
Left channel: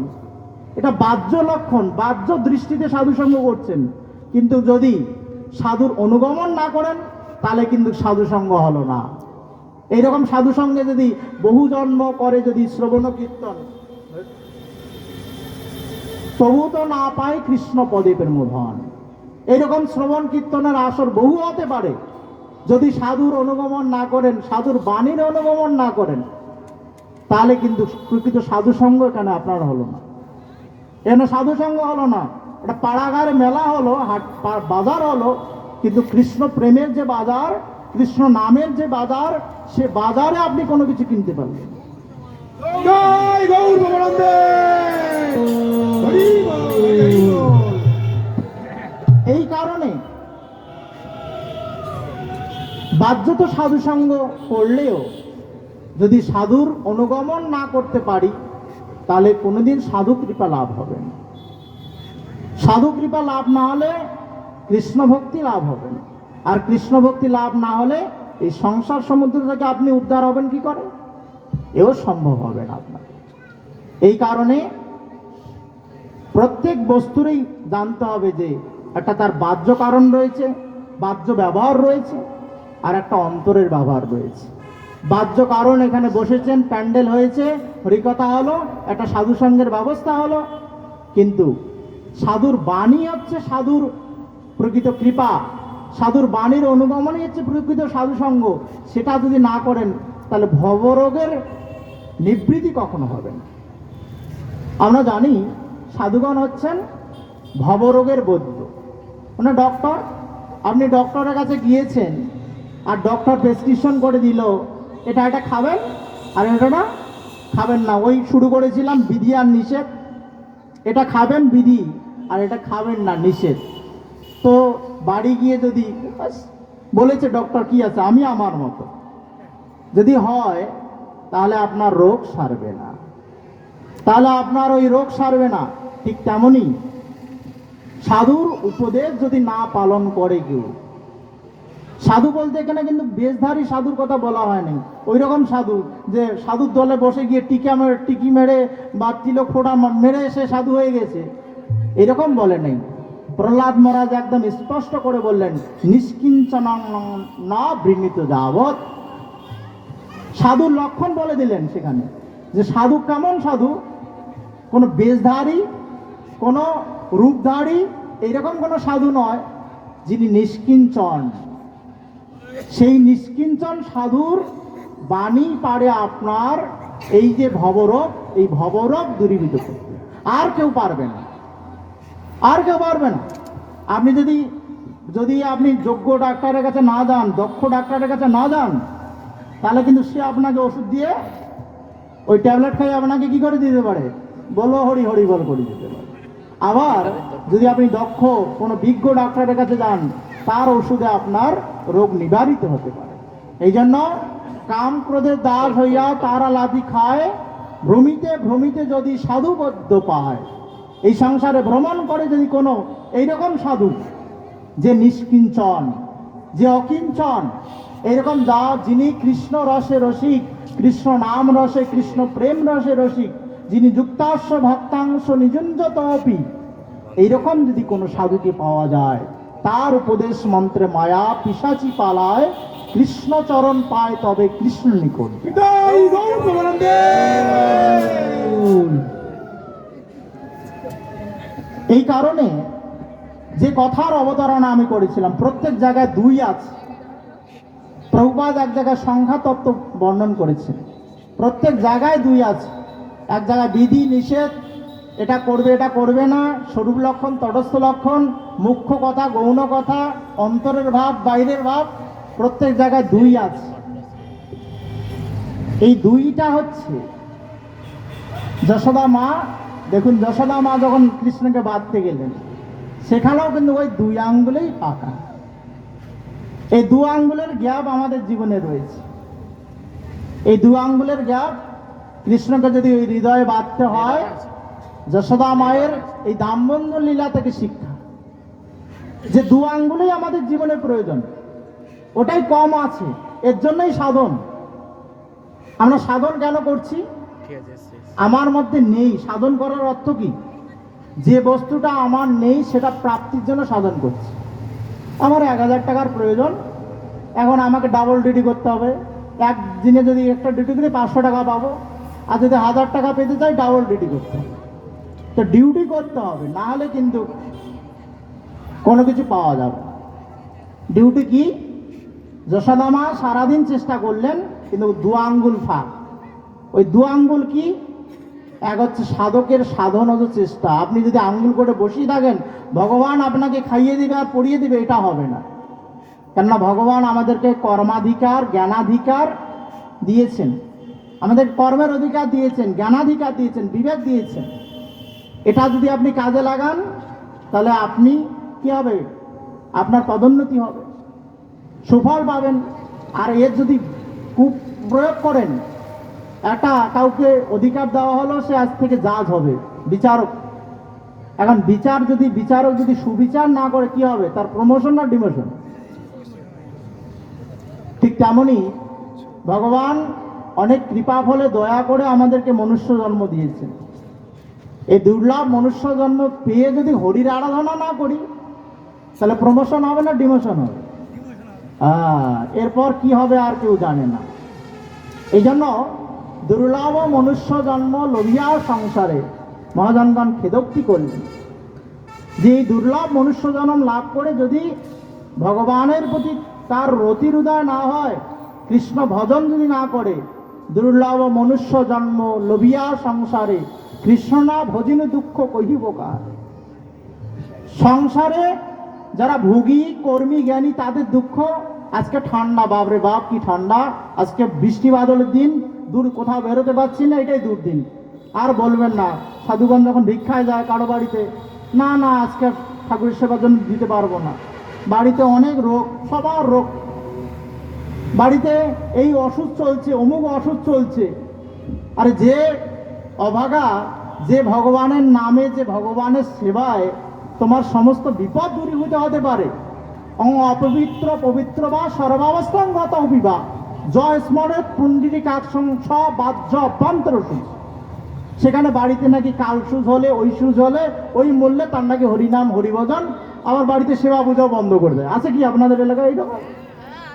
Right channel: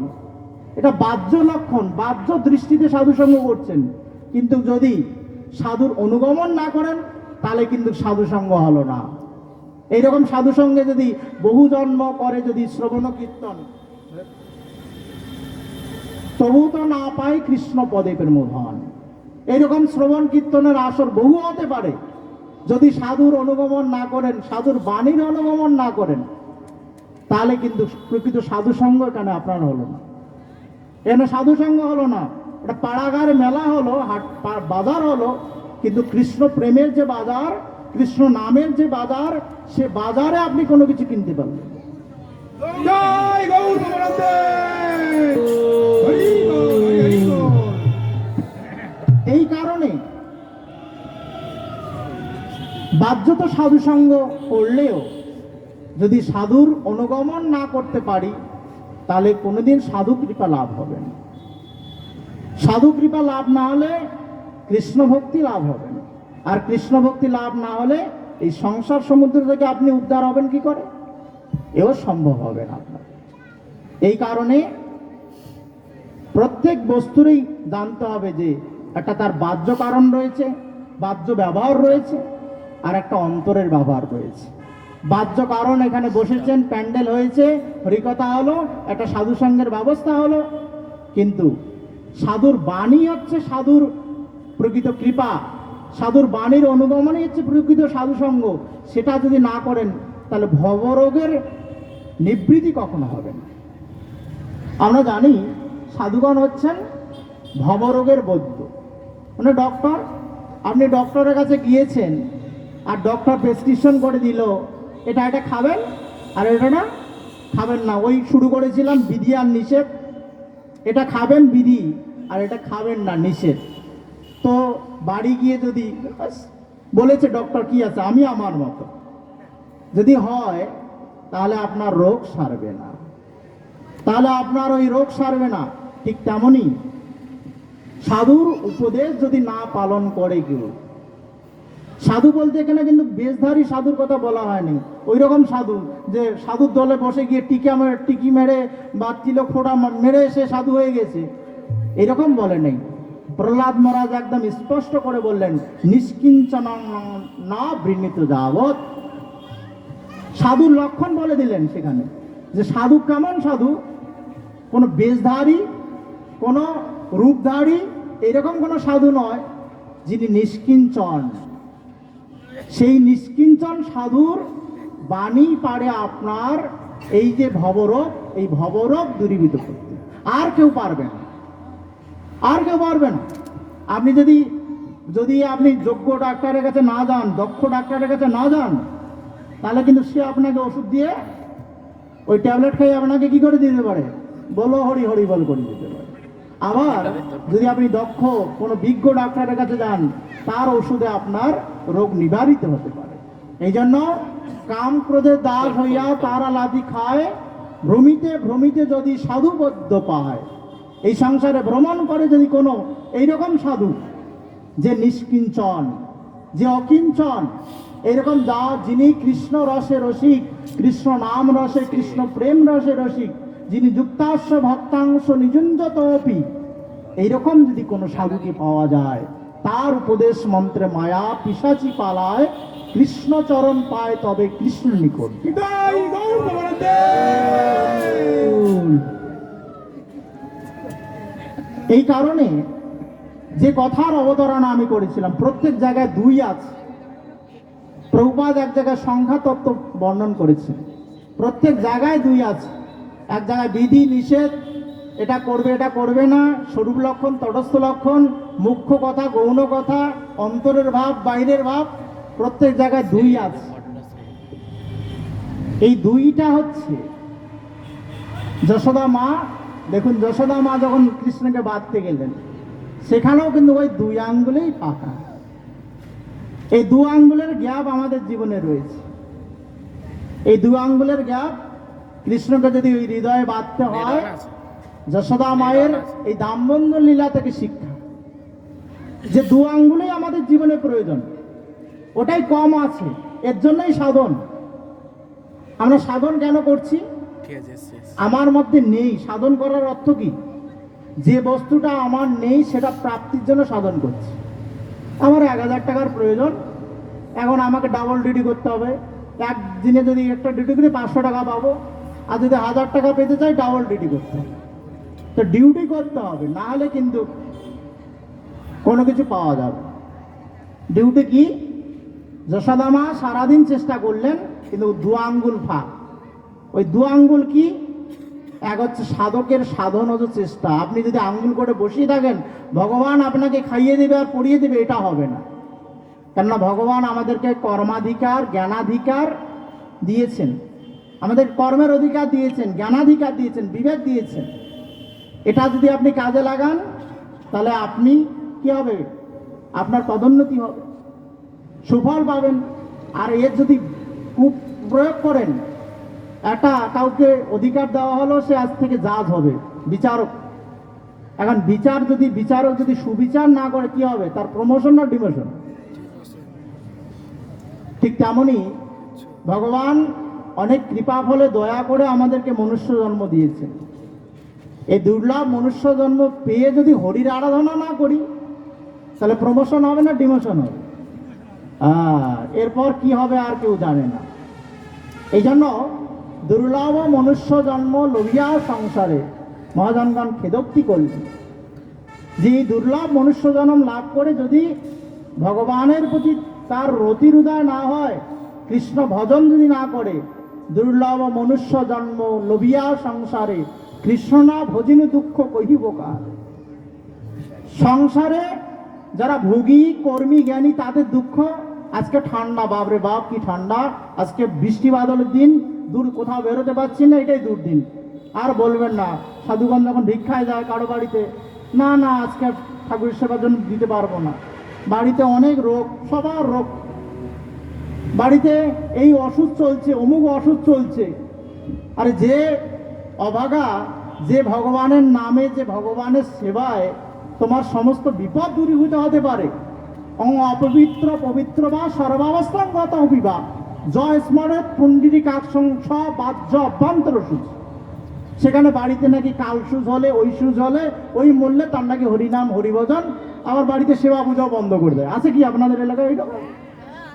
এটা বাহ্য লক্ষণ, বাহ্য দৃষ্টিতে সাধু সঙ্গ করছেন। কিন্তু যদি সাধুর অনুগমন না করেন তাহলে কিন্তু সাধু সঙ্গ হলো না। এইরকম সাধু সঙ্গে যদি বহু জন্ম করে যদি শ্রবণ কীর্তন, তবু তো না পায় কৃষ্ণ পদে প্রেমধন। এইরকম শ্রবণ কীর্তনের আসর বহু হতে পারে। যদি সাধুর অনুগমন না করেন, সাধুর বাণীর অনুগমন না করেন, তাহলে কিন্তু প্রকৃত সাধু সঙ্গ এখানে আপনার হলো না। এখানে সাধু সঙ্গ হলো না, এটা পাড়াগারে মেলা হলো, হাট বাজার হলো, কিন্তু কৃষ্ণ প্রেমের যে বাজার, কৃষ্ণ নামের যে বাজার, সে বাজারে আপনি কোনো কিছু কিনতে পারবেন। এই কারণে বাহ্যত সাধু সঙ্গ করলেও যদি সাধুর অনুগমন না করতে পারি তাহলে কোনোদিন সাধু কৃপা লাভ হবে না। সাধু কৃপা লাভ না হলে কৃষ্ণ ভক্তি লাভ হবে না। আর কৃষ্ণ ভক্তি লাভ না হলে এই সংসার সমুদ্র থেকে আপনি উদ্ধার হবেন কি করে? এও সম্ভব হবে না আপনার। এই কারণে প্রত্যেক বস্তুরই জানতে হবে যে একটা তার বাহ্য কারণ রয়েছে, বাহ্য ব্যবহার রয়েছে, আর একটা অন্তরের ব্যবহার রয়েছে। বাহ্য কারণ, এখানে বসেছেন, প্যান্ডেল হয়েছে, হরিকথা হলো, একটা সাধু সঙ্গের ব্যবস্থা হলো, কিন্তু সাধুর বাণী হচ্ছে সাধুর প্রকৃত কৃপা, সাধুর বাণীর অনুগমনই হচ্ছে প্রকৃত সাধু সঙ্গ। সেটা যদি না করেন তাহলে ভবরোগের নিবৃত্তি কখনো হবে না। আমরা জানি সাধুগণ হচ্ছেন ভবরোগের বৈদ্য, মানে ডক্টর। আপনি ডক্টরের কাছে গিয়েছেন আর ডক্টর প্রেসক্রিপশন করে দিল, এটা খাবেন আর এটা না খাবেন না। ওই শুরু করেছিলাম বিধি আর নিষেধ, এটা খাবেন বিধি আর এটা খাবেন না নিষেধ। তো বাড়ি গিয়ে যদি বলেছে ডক্টর কি আছে, আমি আমার মতো যদি হয়, তাহলে আপনার রোগ সারবে না, তাহলে আপনার ওই রোগ সারবে না। ঠিক তেমনই সাধুর উপদেশ যদি না পালন করে কেউ, সাধু বলতে এখানে কিন্তু বেশধারী সাধুর কথা বলা হয়নি, ওই রকম সাধু যে সাধুর দলে বসে গিয়ে টিকি মেরে বা তিলক ফোঁটা মেরে এসে সাধু হয়ে গেছে, এরকম বলে নেই। প্রহ্লাদ মহারাজ একদম স্পষ্ট করে বললেন, নিষ্কিঞ্চন না বৃণীত যাবৎ। সাধুর লক্ষণ বলে দিলেন সেখানে, যে সাধু কেমন সাধু, কোনো বেশধারী, কোনো রূপধারী, এরকম কোনো সাধু নয়, যিনি নিষ্কিঞ্চন। সেই নিষ্কিঞ্চন সাধুর বাণী পারে আপনার এই যে ভবরোগ, এই ভবরোগ দূরীভূত করতে, আর কেউ পারবে না, আর কেউ পারবে না। আপনি যদি আপনি যোগ্য ডাক্তারের কাছে না যান, দক্ষ ডাক্তারের কাছে না যান, তাহলে কিন্তু সে আপনাকে ওষুধ দিয়ে ওই ট্যাবলেট খাইয়ে আপনাকে কি করে দিতে পারে, বলো হরি হরি বল করে দিতে পারে। আবার যদি আপনি দক্ষ কোনো বিজ্ঞ ডাক্তারের কাছে যান, তার ওষুধে আপনার রোগ নিবারিত হতে পারে। এই জন্য কাম ক্রোধের দাস হইয়া তারা লাথি খায়, ভ্রমিতে ভ্রমিতে যদি সাধুবদ্ধ পায়। এই সংসারে ভ্রমণ করে যদি কোনো এইরকম সাধু, যে নিষ্কিঞ্চন, যে অকিঞ্চন, এরকম যিনি কৃষ্ণ রসে রসিক, কৃষ্ণ নাম রসে, কৃষ্ণ প্রেম রসে রসিক, যিনি যুক্তাংশ ভক্তাংশ নিযুঞ্জত অপি, এইরকম যদি কোনো সাধুকে পাওয়া যায়, তার উপদেশ মন্ত্রে মায়া পিশাচি পালায়, কৃষ্ণ চরণ পায় তবে কৃষ্ণ নিকট। এই কারণে যে কথার অবতারণা আমি করেছিলাম, প্রত্যেক জায়গায় দুই আছে। প্রভুপাদ এক জায়গায় সংখ্যা তত্ত্ব বর্ণন করেছেন, প্রত্যেক জায়গায় দুই আছে। এক জায়গায় বিধি নিষেধ, এটা করবে এটা করবে না, স্বরূপ লক্ষণ তটস্থ লক্ষণ, মুখ্য কথা গৌণ কথা, অন্তরের ভাব বাইরের ভাব, প্রত্যেক জায়গায় দুই আছে। এই দুইটা হচ্ছে যশোদা মা। দেখুন, যশোদা মা যখন কৃষ্ণকে বাঁধতে গেলেন, সেখানেও কিন্তু ওই দুই আঙ্গুলেই পাকা। এই দু আঙ্গুলের গ্যাপ আমাদের জীবনে রয়েছে। এই দু আঙ্গুলের গ্যাপ কৃষ্ণকে যদি ওই হৃদয়ে বাঁধতে হয়, যশোদা মায়ের এই দামবন্ধন লীলা থেকে শিক্ষা, যে দু আঙ্গুলেই আমাদের জীবনে প্রয়োজন, ওটাই কম আছে, এর জন্যই সাধন। আমরা সাধন কেন করছি? আমার মধ্যে নেই, সাধন করার অর্থ কি? যে বস্তুটা আমার নেই সেটা প্রাপ্তির জন্য সাধন করছি। আমার 1000 টাকার প্রয়োজন, এখন আমাকে ডাবল ডিউটি করতে হবে। একদিনে যদি একটা ডিউটি করি 500 টাকা পাবো, আর যদি 1000 টাকা পেতে চাই ডাবল ডিউটি করতে হবে। তো ডিউটি করতে হবে, না হলে কিন্তু কোনো কিছু পাওয়া যাবে। ডিউটি কি? যশোদা মা সারাদিন চেষ্টা করলেন, কিন্তু দু আঙ্গুল ফাঁক। ওই দু আঙ্গুল কি? এক হচ্ছে সাধকের সাধন ও চেষ্টা। আপনি যদি আঙ্গুল করে বসিয়ে থাকেন, ভগবান আপনাকে খাইয়ে দেবে আর পড়িয়ে দেবে, এটা হবে না। কেননা ভগবান আমাদেরকে কর্মাধিকার, জ্ঞানাধিকার দিয়েছেন, আমাদের কর্মের অধিকার দিয়েছেন, জ্ঞানাধিকার দিয়েছেন, বিবেক দিয়েছেন। এটা যদি আপনি কাজে লাগান, তাহলে আপনি কি হবে? আপনার পদোন্নতি হবে, সুফল পাবেন। আর এর যদি কুপ্রয়োগ করেন, একটা কাউকে অধিকার দেওয়া হলো, সে আজ থেকে জাজ হবে, বিচারক। এখন বিচারক যদি সুবিচার না করে, কি হবে? তার প্রমোশন না ডিমোশন? ঠিক তেমনই ভগবান অনেক কৃপা ফলে দয়া করে আমাদেরকে মনুষ্য জন্ম দিয়েছে। এই দুর্লভ মনুষ্য জন্ম পেয়ে যদি হরির আরাধনা না করি, তাহলে প্রমোশন হবে না ডিমোশন হবে? এরপর কি হবে আর কেউ জানে না। এই জন্য দুর্লভ মনুষ্য জন্ম লোভিয়া সংসারে মহাজনগণ খেদোক্তি করলেন, যে দুর্লভ মনুষ্য জন্ম লাভ করে যদি ভগবানের প্রতি তার রতির উদয় না হয়, কৃষ্ণ ভজন যদি না করে, দুর্লভ মনুষ্য জন্ম লোভিয়া সংসারে কৃষ্ণ না ভজিনু দুঃখ কহিব কার। সংসারে যারা ভোগী, কর্মী, জ্ঞানী, তাদের দুঃখ। আজকে ঠান্ডা, বাপরে বাপ কি ঠান্ডা, আজকে বৃষ্টি বাদলের দিন, দূর কোথাও বেরোতে পারছি না, এটাই দুর্দিন। আর বলবেন না, সাধুগণ যখন ভিক্ষায় যায় কারো বাড়িতে, না আজকে ঠাকুরের সেবার জন্য দিতে পারবো না, বাড়িতে অনেক রোগ, সবার রোগ, বাড়িতে এই অসুখ চলছে, অমুক অসুখ চলছে। আর যে অভাগা, যে ভগবানের নামে, যে ভগবানের সেবায় তোমার সমস্ত বিপদ দূরীভূত হতে পারে। অপবিত্র পবিত্র বা সর্বাবস্থান গত অভিবা জয় স্মরণের পুণ্ডিরি কাকসং বাহ্য অভ্যন্তর সুচ। সেখানে বাড়িতে নাকি কাল সুজ হলে, ওই সুজ হলে, ওই মূল্যে তার নাকি হরিনাম হরিভজন, আবার বাড়িতে সেবা পূজাও বন্ধ করে দেয়। আছে কি আপনাদের এলাকায়? ওইটা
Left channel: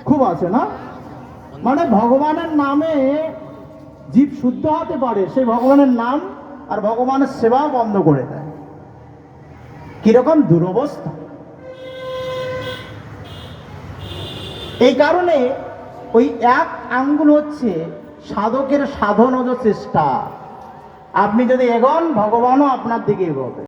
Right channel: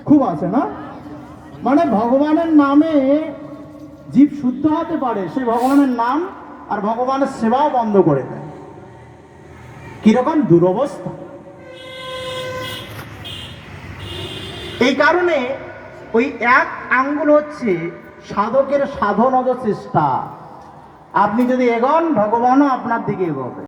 খুব আছে না? মানে ভগবানের নামে জীব শুদ্ধ হতে পারে, সেই ভগবানের নাম আর ভগবানের সেবা বন্ধ করে দেয়। কিরকম দুরবস্থা! এই কারণে ওই এক আঙ্গুল হচ্ছে সাধকের সাধনজ চেষ্টা। আপনি যদি এগোন, ভগবানও আপনার দিকে এগোবে।